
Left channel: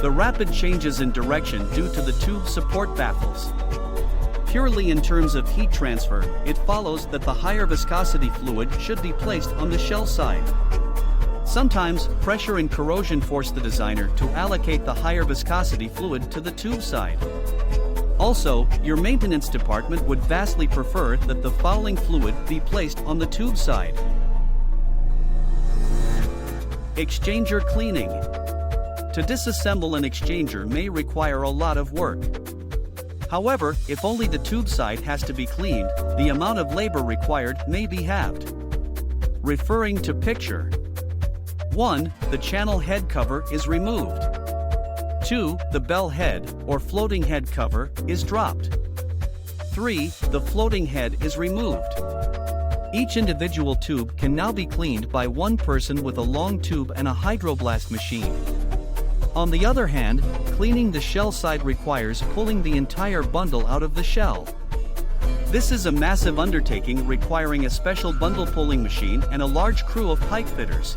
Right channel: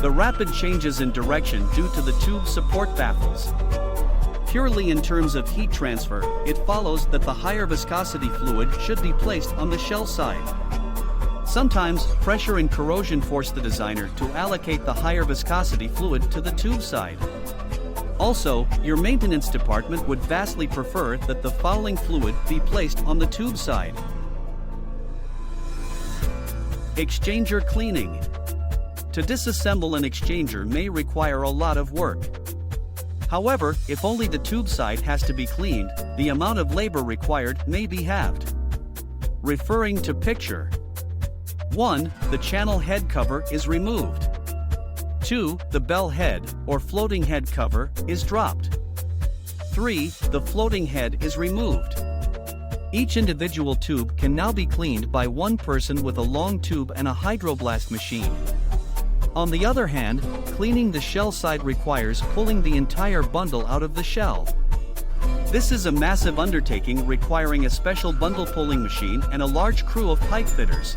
the rapid changes in direction due to the tube support baffles. Purely in terms of heat transfer, it follows that the higher viscosity fluid should be placed on the shell side. Sometimes, pressure and corrosion force the designer to allocate the higher viscosity fluid to the tube side. Also, your maintenance department would vastly prefer that the fouling fluid be placed on the tube side. Exchanger cleaning. To disassemble an exchanger may require a lot of work. However, if only the tube side has to be cleaned, the amount of labor required may be halved. Referring to picture. 1. The channel head cover is removed. 2. The bell head, or floating head cover, is dropped. 3. The floating head is removed. Each individual tube can now be cleaned by one person with a long tube and a hydroblast machine. On the other hand, cleaning the shell side requires pulling the entire bundle out of the shell. This is a massive undertaking requiring a special bundle pulling machine and a large crew of pipe fitters.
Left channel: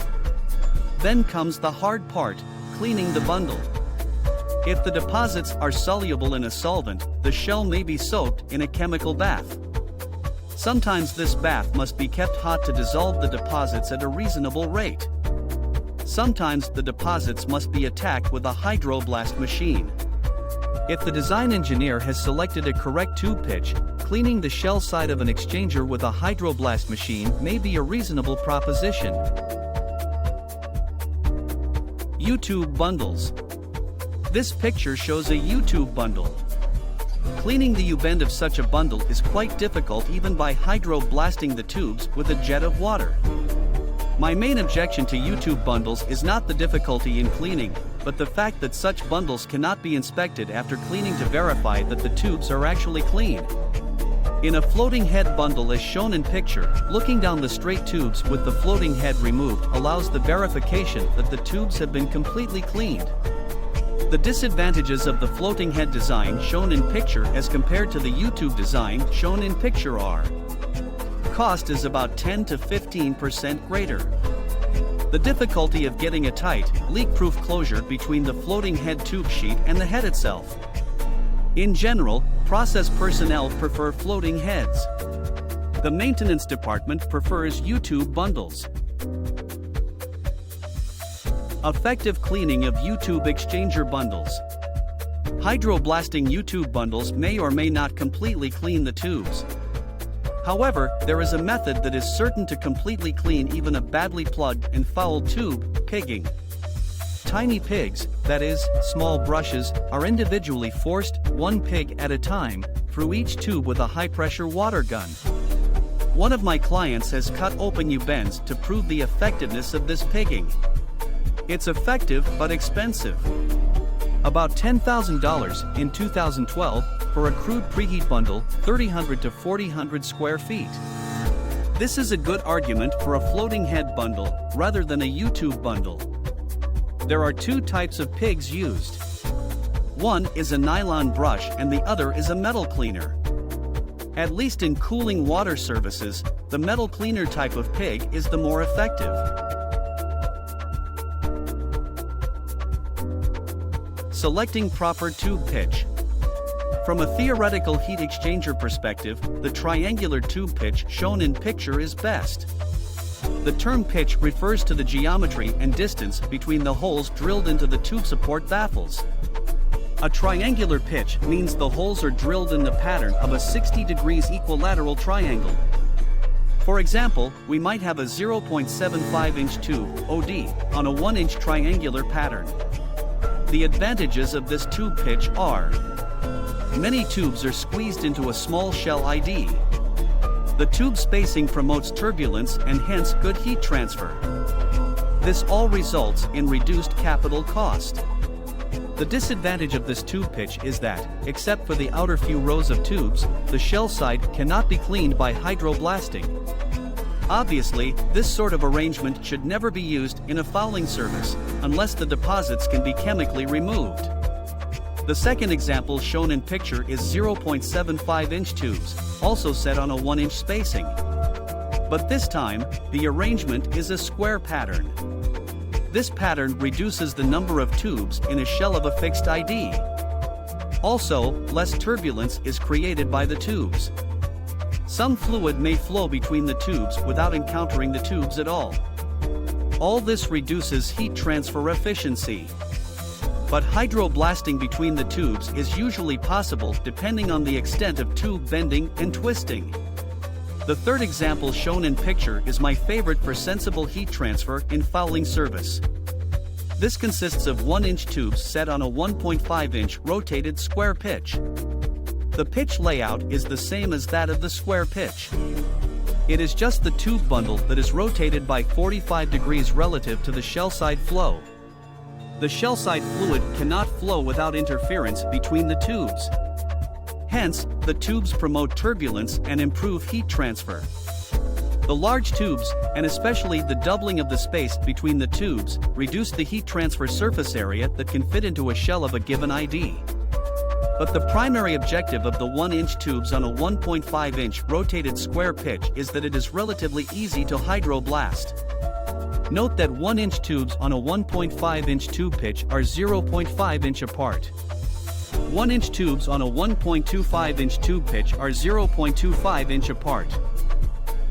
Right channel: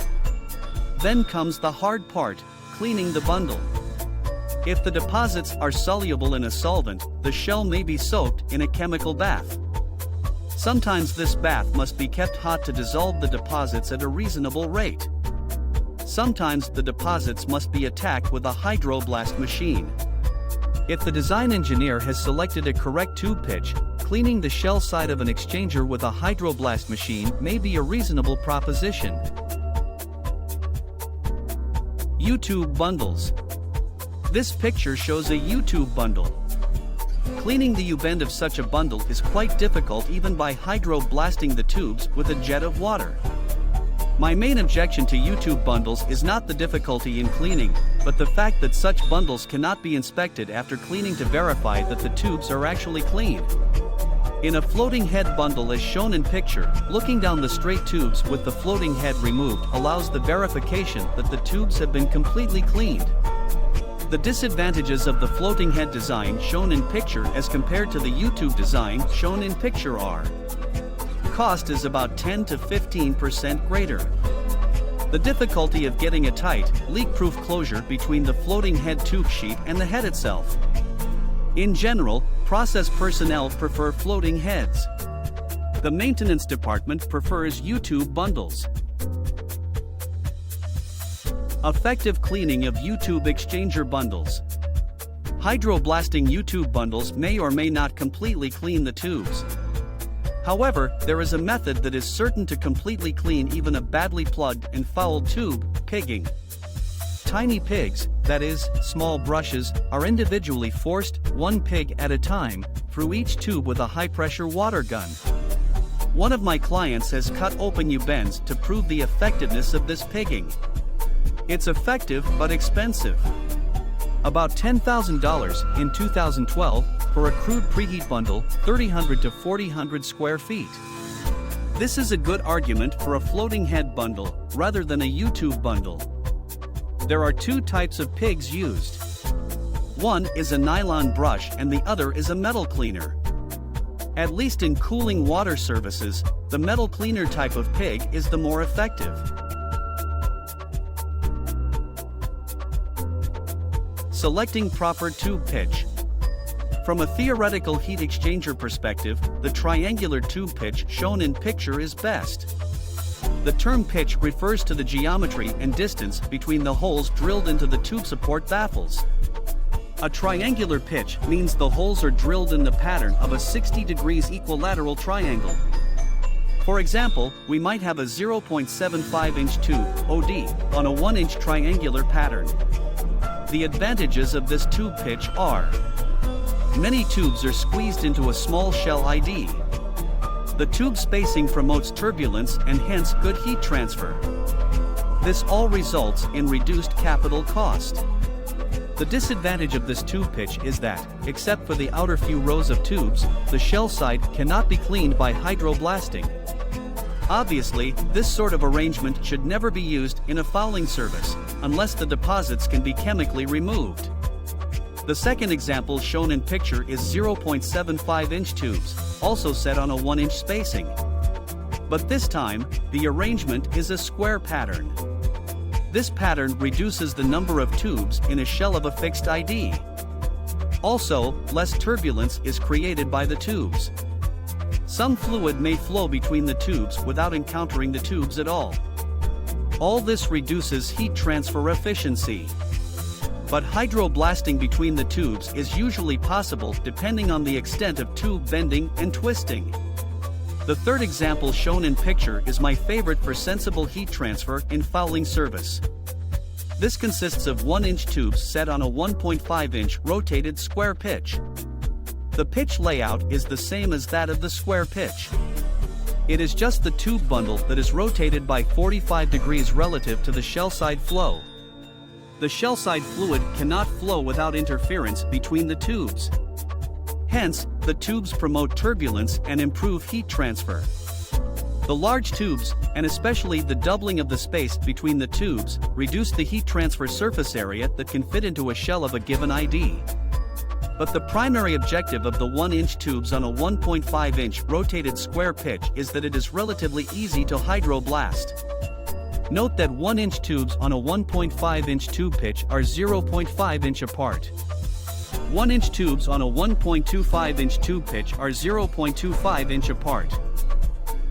Then comes the hard part, cleaning the bundle. If the deposits are soluble in a solvent, the shell may be soaked in a chemical bath. Sometimes this bath must be kept hot to dissolve the deposits at a reasonable rate. Sometimes the deposits must be attacked with a hydroblast machine. If the design engineer has selected a correct tube pitch, cleaning the shell side of an exchanger with a hydroblast machine may be a reasonable proposition. U-tube bundles. This picture shows a U-tube bundle. Cleaning the U-bend of such a bundle is quite difficult even by hydroblasting the tubes with a jet of water. My main objection to U-tube bundles is not the difficulty in cleaning, but the fact that such bundles cannot be inspected after cleaning to verify that the tubes are actually clean. In a floating head bundle as shown in picture, looking down the straight tubes with the floating head removed allows the verification that the tubes have been completely cleaned. The disadvantages of the floating head design shown in picture as compared to the U-tube design shown in picture are: cost is about 10 to 15% greater. The difficulty of getting a tight, leak-proof closure between the floating head tube sheet and the head itself. In general, process personnel prefer floating heads. The maintenance department prefers U-tube bundles. Effective cleaning of U-tube exchanger bundles. Hydroblasting U-tube bundles may or may not completely clean the tubes. However, there is a method that is certain to completely clean even a badly plugged and fouled tube: pigging. Tiny pigs, that is, small brushes, are individually forced, one pig at a time, through each tube with a high-pressure water gun. One of my clients has cut open U-bends to prove the effectiveness of this pigging. It's effective but expensive. About $10,000 in 2012 for a crude preheat bundle, 300 to 400 square feet. This is a good argument for a floating head bundle rather than a U-tube bundle. There are two types of pigs used. One is a nylon brush and the other is a metal cleaner. At least in cooling water services, the metal cleaner type of pig is the more effective. Selecting proper tube pitch. From a theoretical heat exchanger perspective, the triangular tube pitch shown in picture is best. The term pitch refers to the geometry and distance between the holes drilled into the tube support baffles. A triangular pitch means the holes are drilled in the pattern of a 60 degrees equilateral triangle. For example, we might have a 0.75-inch tube, OD, on a 1-inch triangular pattern. The advantages of this tube pitch are: many tubes are squeezed into a small shell ID. The tube spacing promotes turbulence and hence good heat transfer. This all results in reduced capital cost. The disadvantage of this tube pitch is that, except for the outer few rows of tubes, the shell side cannot be cleaned by hydroblasting. Obviously, this sort of arrangement should never be used in a fouling service, unless the deposits can be chemically removed. The second example shown in picture is 0.75-inch tubes, also set on a 1-inch spacing. But this time, the arrangement is a square pattern. This pattern reduces the number of tubes in a shell of a fixed ID. Also, less turbulence is created by the tubes. Some fluid may flow between the tubes without encountering the tubes at all. All this reduces heat transfer efficiency. But hydroblasting between the tubes is usually possible depending on the extent of tube bending and twisting. The third example shown in picture is my favorite for sensible heat transfer in fouling service. This consists of 1-inch tubes set on a 1.5-inch rotated square pitch. The pitch layout is the same as that of the square pitch. It is just the tube bundle that is rotated by 45 degrees relative to the shell side flow. The shell side fluid cannot flow without interference between the tubes. Hence, the tubes promote turbulence and improve heat transfer. The large tubes, and especially the doubling of the space between the tubes, reduce the heat transfer surface area that can fit into a shell of a given ID. But the primary objective of the 1-inch tubes on a 1.5-inch rotated square pitch is that it is relatively easy to hydroblast. Note that 1-inch tubes on a 1.5-inch tube pitch are 0.5-inch apart. 1-inch tubes on a 1.25-inch tube pitch are 0.25-inch apart.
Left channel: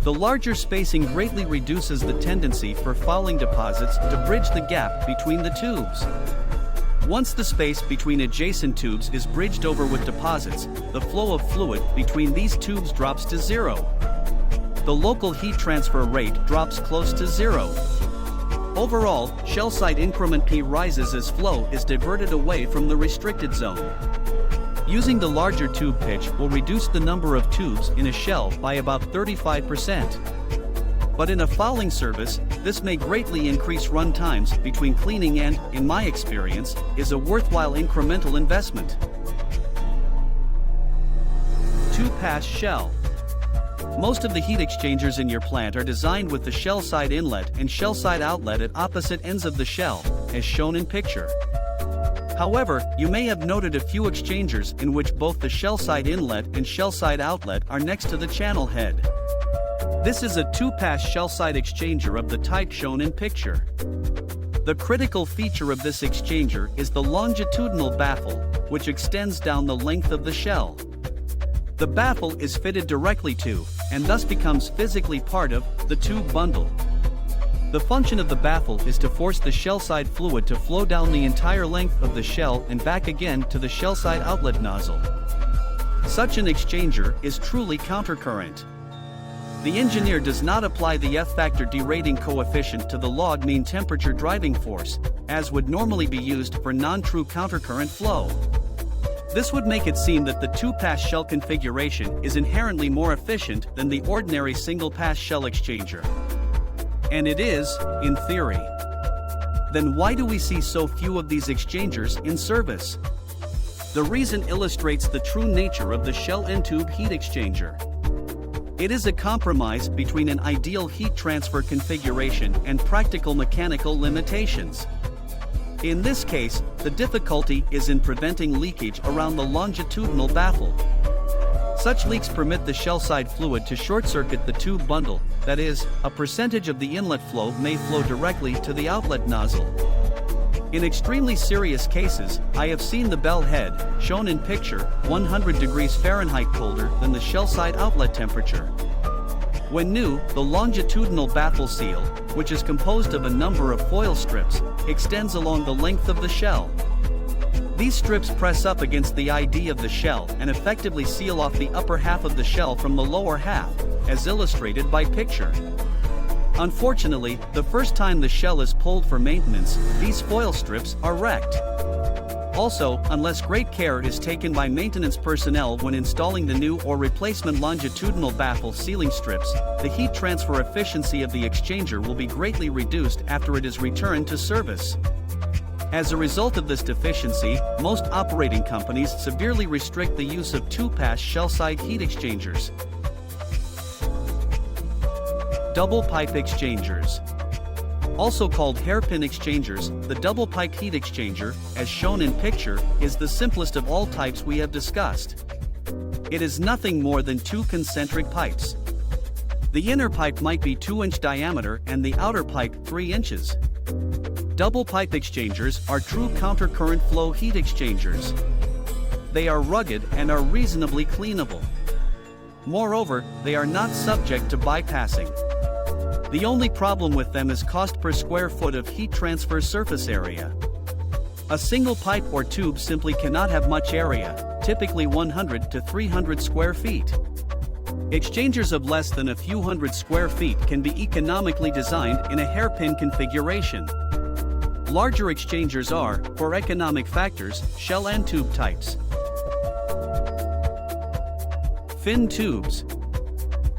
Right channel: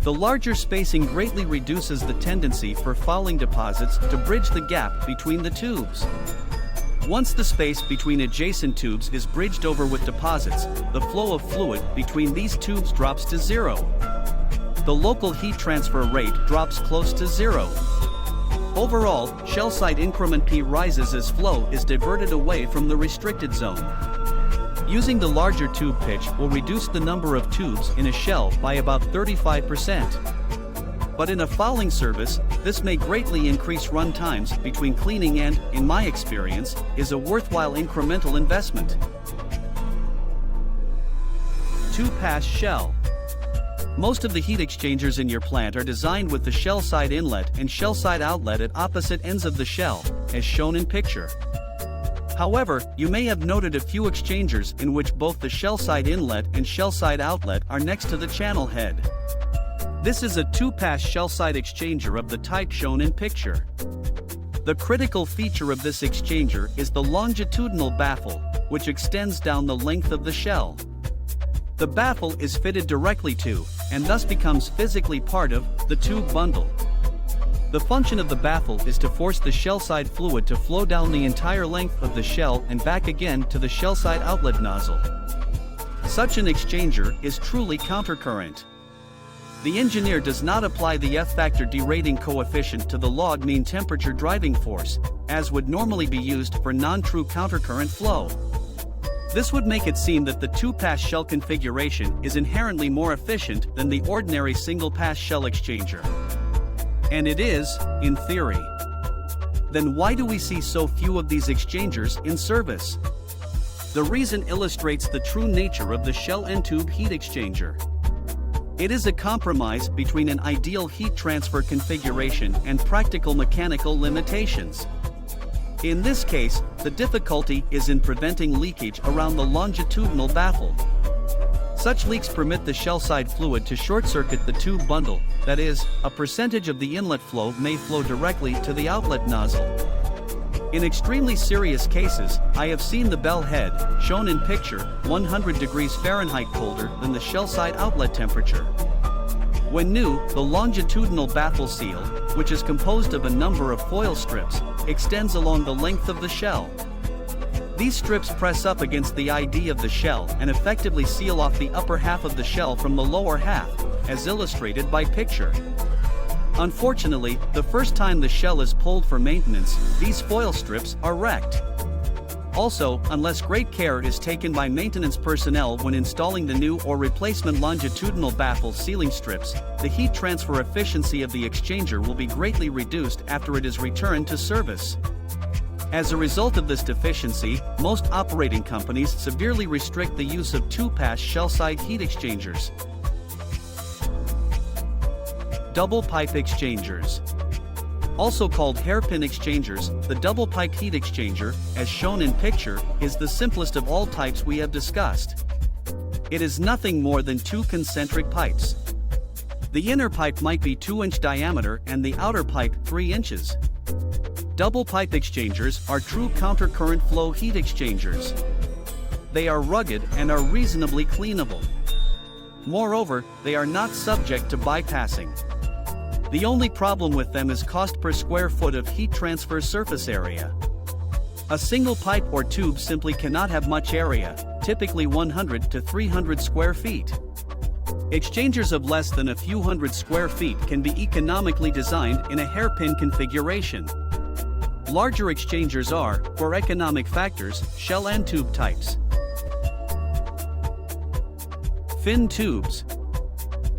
The larger spacing greatly reduces the tendency for fouling deposits to bridge the gap between the tubes. Once the space between adjacent tubes is bridged over with deposits, the flow of fluid between these tubes drops to zero. The local heat transfer rate drops close to zero. Overall, shell side increment P rises as flow is diverted away from the restricted zone. Using the larger tube pitch will reduce the number of tubes in a shell by about 35%. But in a fouling service, this may greatly increase run times between cleaning and, in my experience, is a worthwhile incremental investment. Two-pass shell. Most of the heat exchangers in your plant are designed with the shell side inlet and shell side outlet at opposite ends of the shell, as shown in picture. However, you may have noted a few exchangers in which both the shell side inlet and shell side outlet are next to the channel head. This is a two-pass shell side exchanger of the type shown in picture. The critical feature of this exchanger is the longitudinal baffle, which extends down the length of the shell. The baffle is fitted directly to, and thus becomes physically part of, the tube bundle. The function of the baffle is to force the shell side fluid to flow down the entire length of the shell and back again to the shell side outlet nozzle. Such an exchanger is truly countercurrent. The engineer does not apply the F-factor derating coefficient to the log mean temperature driving force, as would normally be used for non-true countercurrent flow. This would make it seem that the two-pass shell configuration is inherently more efficient than the ordinary single-pass shell exchanger. And it is, in theory. Then why do we see so few of these exchangers in service? The reason illustrates the true nature of the shell end tube heat exchanger. It is a compromise between an ideal heat transfer configuration and practical mechanical limitations. In this case, the difficulty is in preventing leakage around the longitudinal baffle. Such leaks permit the shell side fluid to short-circuit the tube bundle, that is, a percentage of the inlet flow may flow directly to the outlet nozzle. In extremely serious cases, I have seen the bell head, shown in picture, 100 degrees Fahrenheit colder than the shell side outlet temperature. When new, the longitudinal baffle seal, which is composed of a number of foil strips, extends along the length of the shell. These strips press up against the ID of the shell and effectively seal off the upper half of the shell from the lower half, as illustrated by picture. Unfortunately, the first time the shell is pulled for maintenance, these foil strips are wrecked. Also, unless great care is taken by maintenance personnel when installing the new or replacement longitudinal baffle sealing strips, the heat transfer efficiency of the exchanger will be greatly reduced after it is returned to service. As a result of this deficiency, most operating companies severely restrict the use of two-pass shell-side heat exchangers. Double pipe exchangers. Also called hairpin exchangers, the double pipe heat exchanger, as shown in picture, is the simplest of all types we have discussed. It is nothing more than two concentric pipes. The inner pipe might be 2-inch diameter and the outer pipe 3 inches. Double pipe exchangers are true countercurrent flow heat exchangers. They are rugged and are reasonably cleanable. Moreover, they are not subject to bypassing. The only problem with them is cost per square foot of heat transfer surface area. A single pipe or tube simply cannot have much area, typically 100 to 300 square feet. Exchangers of less than a few hundred square feet can be economically designed in a hairpin configuration. Larger exchangers are, for economic factors, shell and tube types. Fin tubes.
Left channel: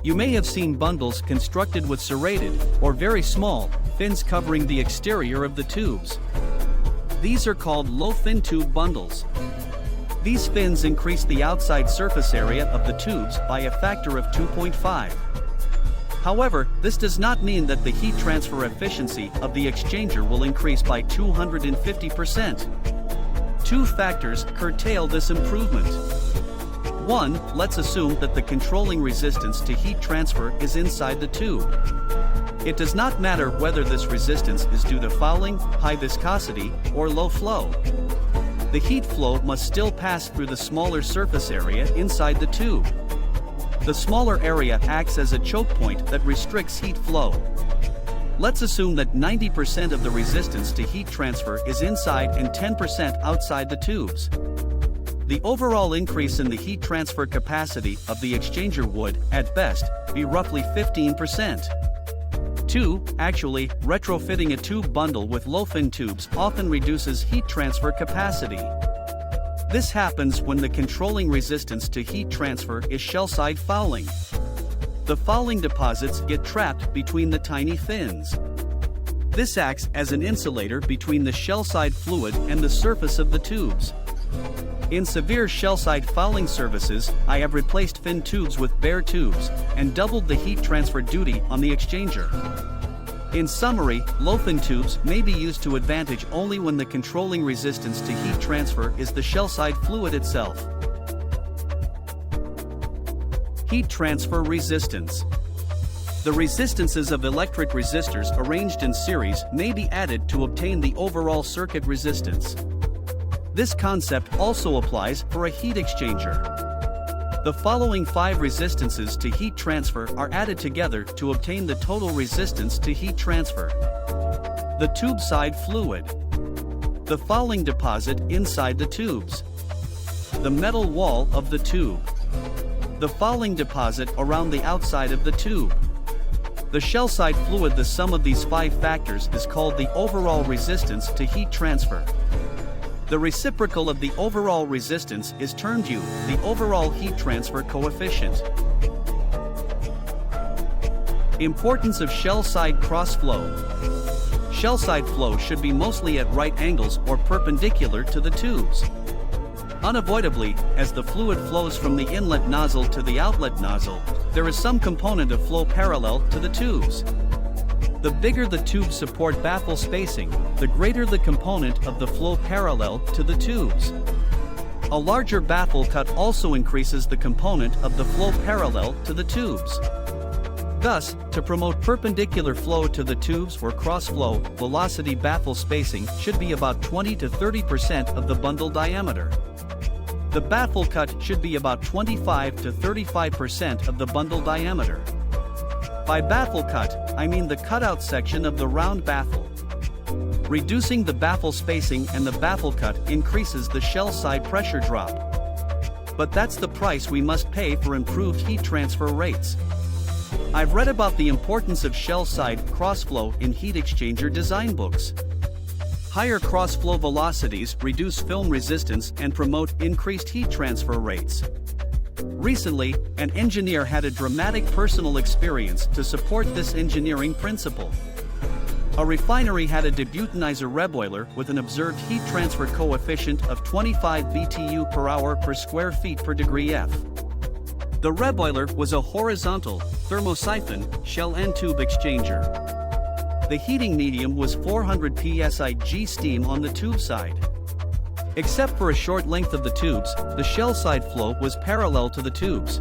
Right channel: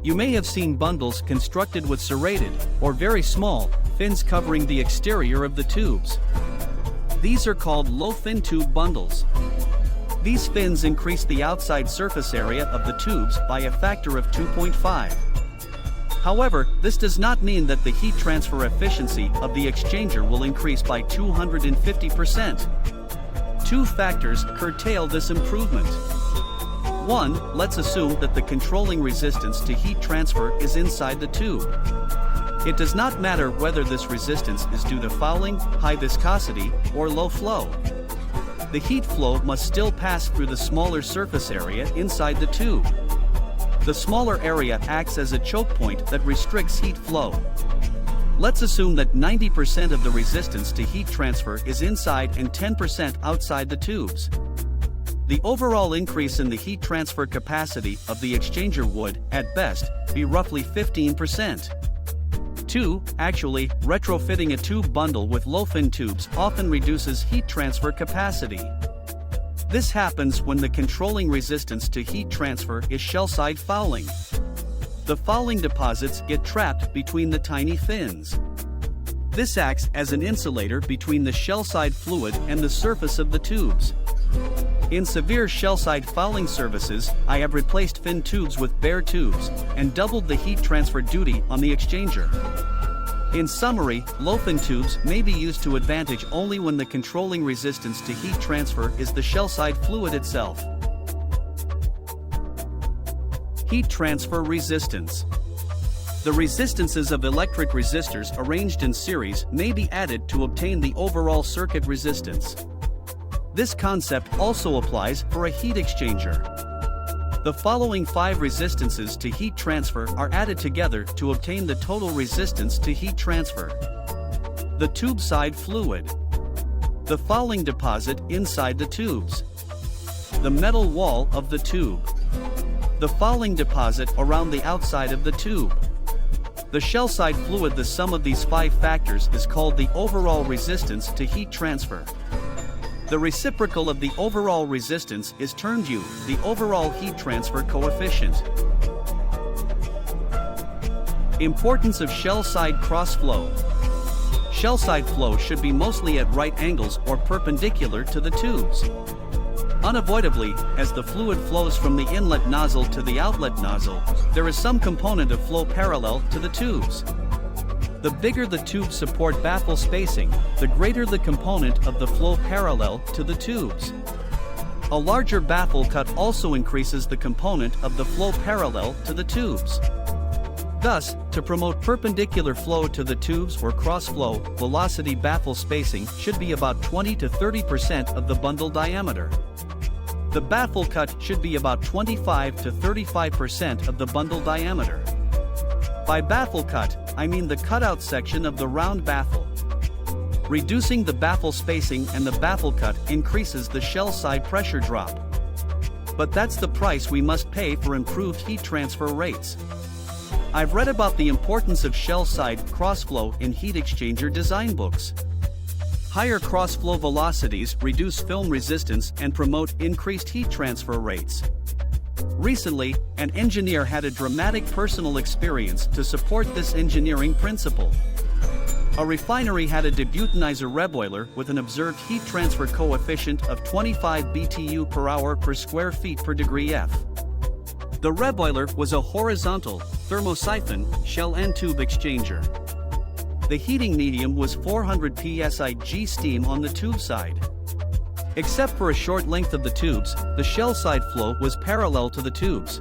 You may have seen bundles constructed with serrated, or very small, fins covering the exterior of the tubes. These are called low-fin tube bundles. These fins increase the outside surface area of the tubes by a factor of 2.5. However, this does not mean that the heat transfer efficiency of the exchanger will increase by 250%. Two factors curtail this improvement. One, let's assume that the controlling resistance to heat transfer is inside the tube. It does not matter whether this resistance is due to fouling, high viscosity, or low flow. The heat flow must still pass through the smaller surface area inside the tube. The smaller area acts as a choke point that restricts heat flow. Let's assume that 90% of the resistance to heat transfer is inside and 10% outside the tubes. The overall increase in the heat transfer capacity of the exchanger would, at best, be roughly 15%. 2. Actually, retrofitting a tube bundle with low-fin tubes often reduces heat transfer capacity. This happens when the controlling resistance to heat transfer is shell-side fouling. The fouling deposits get trapped between the tiny fins. This acts as an insulator between the shell-side fluid and the surface of the tubes. In severe shell-side fouling services, I have replaced fin tubes with bare tubes and doubled the heat transfer duty on the exchanger. In summary, low-fin tubes may be used to advantage only when the controlling resistance to heat transfer is the shell-side fluid itself. Heat transfer resistance. The resistances of electric resistors arranged in series may be added to obtain the overall circuit resistance. This concept also applies for a heat exchanger. The following 5 resistances to heat transfer are added together to obtain the total resistance to heat transfer. The tube side fluid. The fouling deposit inside the tubes. The metal wall of the tube. The fouling deposit around the outside of the tube. The shell-side fluid. The sum of these 5 factors is called the overall resistance to heat transfer. The reciprocal of the overall resistance is termed U, the overall heat transfer coefficient. Importance of shell-side cross-flow. Shell-side flow should be mostly at right angles or perpendicular to the tubes. Unavoidably, as the fluid flows from the inlet nozzle to the outlet nozzle, there is some component of flow parallel to the tubes. The bigger the tube support baffle spacing, the greater the component of the flow parallel to the tubes. A larger baffle cut also increases the component of the flow parallel to the tubes. Thus, to promote perpendicular flow to the tubes or cross-flow, velocity baffle spacing should be about 20 to 30% of the bundle diameter. The baffle cut should be about 25 to 35% of the bundle diameter. By baffle cut, I mean the cutout section of the round baffle. Reducing the baffle spacing and the baffle cut increases the shell side pressure drop. But that's the price we must pay for improved heat transfer rates. I've read about the importance of shell side crossflow in heat exchanger design books. Higher cross-flow velocities reduce film resistance and promote increased heat transfer rates. Recently, an engineer had a dramatic personal experience to support this engineering principle. A refinery had a debutanizer reboiler with an observed heat transfer coefficient of 25 BTU per hour per square feet per degree F. The reboiler was a horizontal, thermosiphon, shell and tube exchanger. The heating medium was 400 psi G steam on the tube side. Except for a short length of the tubes, the shell side flow was parallel to the tubes.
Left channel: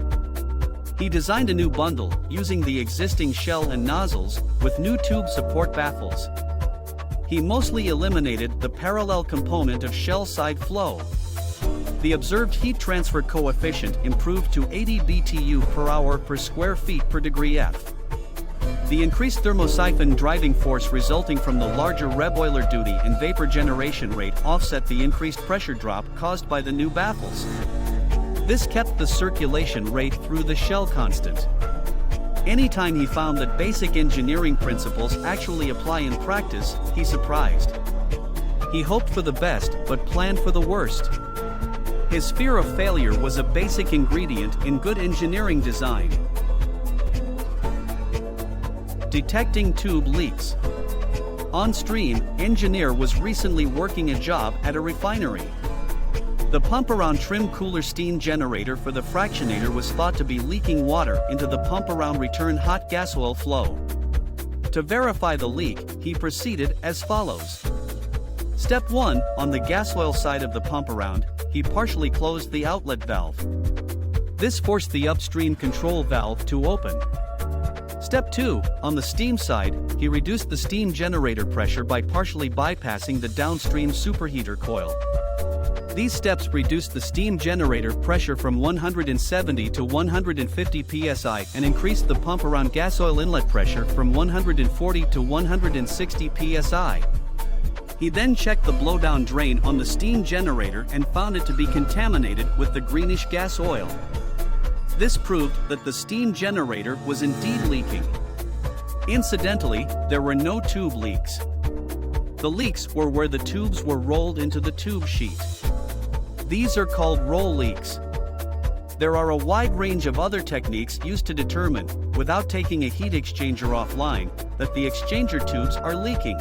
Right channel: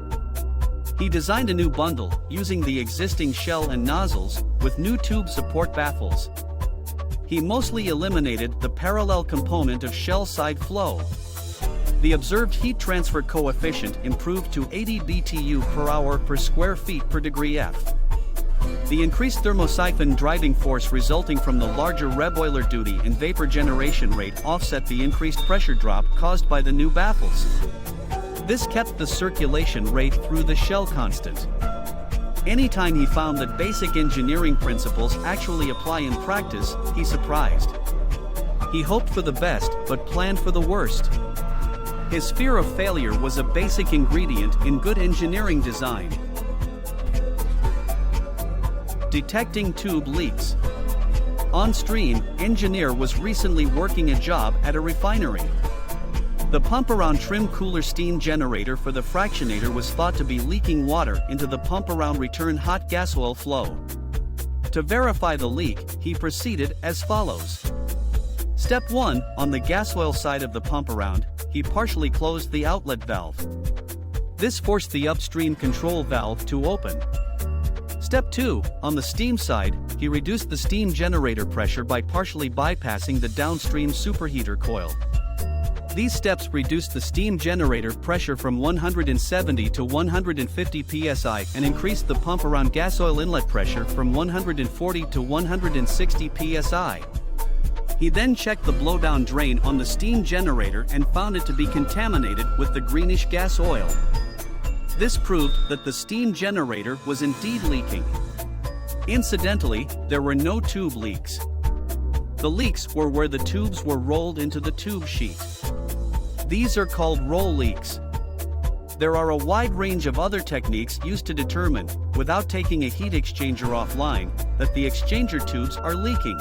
He designed a new bundle, using the existing shell and nozzles, with new tube support baffles. He mostly eliminated the parallel component of shell side flow. The observed heat transfer coefficient improved to 80 BTU per hour per square feet per degree F. The increased thermosiphon driving force resulting from the larger reboiler duty and vapor generation rate offset the increased pressure drop caused by the new baffles. This kept the circulation rate through the shell constant. Anytime he found that basic engineering principles actually apply in practice, he surprised. He hoped for the best but planned for the worst. His fear of failure was a basic ingredient in good engineering design. Detecting tube leaks. On stream, engineer was recently working a job at a refinery. The pump-around trim cooler steam generator for the fractionator was thought to be leaking water into the pump-around return hot gas oil flow. To verify the leak, he proceeded as follows. Step 1, on the gas oil side of the pump-around, he partially closed the outlet valve. This forced the upstream control valve to open. Step 2, on the steam side, he reduced the steam generator pressure by partially bypassing the downstream superheater coil. These steps reduce the steam generator pressure from 170 to 150 psi and increase the pump around gas oil inlet pressure from 140 to 160 psi. He then checked the blowdown drain on the steam generator and found it to be contaminated with the greenish gas oil. This proved that the steam generator was indeed leaking. Incidentally, there were no tube leaks. The leaks were where the tubes were rolled into the tube sheet. These are called roll leaks. There are a wide range of other techniques used to determine, without taking a heat exchanger offline, that the exchanger tubes are leaking.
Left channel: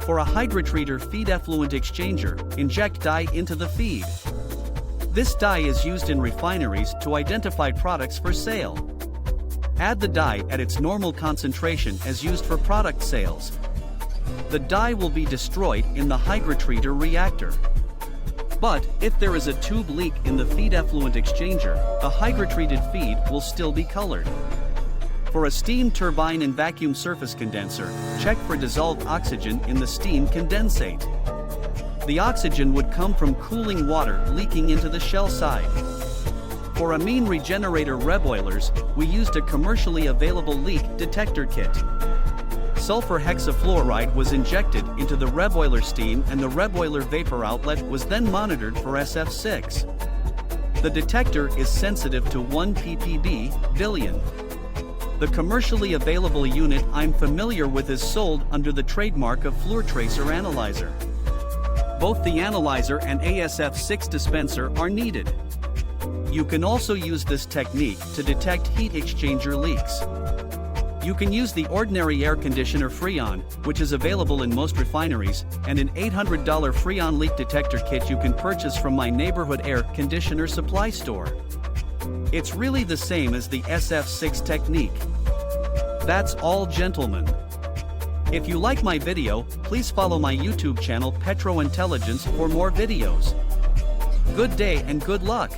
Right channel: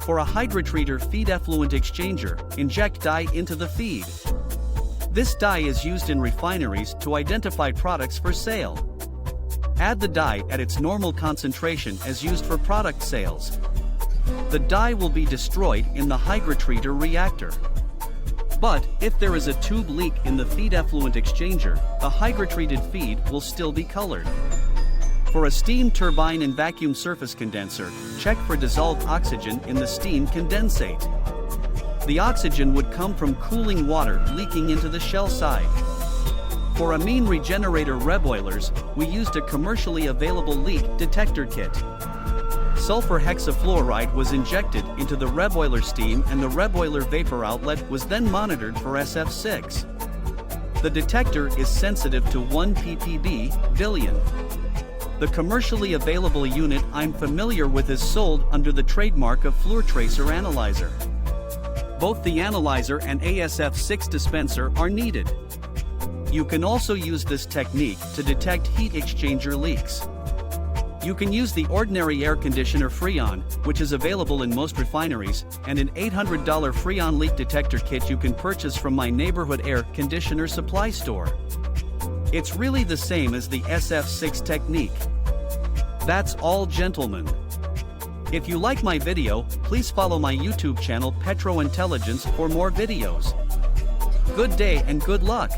For a hydrotreater feed effluent exchanger, inject dye into the feed. This dye is used in refineries to identify products for sale. Add the dye at its normal concentration as used for product sales. The dye will be destroyed in the hydrotreater reactor. But, if there is a tube leak in the feed effluent exchanger, a hydrotreated feed will still be colored. For a steam turbine and vacuum surface condenser, check for dissolved oxygen in the steam condensate. The oxygen would come from cooling water leaking into the shell side. For amine regenerator reboilers, we used a commercially available leak detector kit. Sulfur hexafluoride was injected into the reboiler steam and the reboiler vapor outlet was then monitored for SF6. The detector is sensitive to 1 ppb billion. The commercially available unit I'm familiar with is sold under the trademark of FluorTracer Analyzer. Both the analyzer and ASF6 dispenser are needed. You can also use this technique to detect heat exchanger leaks. You can use the ordinary air conditioner Freon, which is available in most refineries, and an $800 Freon leak detector kit you can purchase from my neighborhood air conditioner supply store. It's really the same as the SF6 technique. That's all, gentlemen. If you like my video, please follow my YouTube channel Petro Intelligence for more videos. Good day and good luck.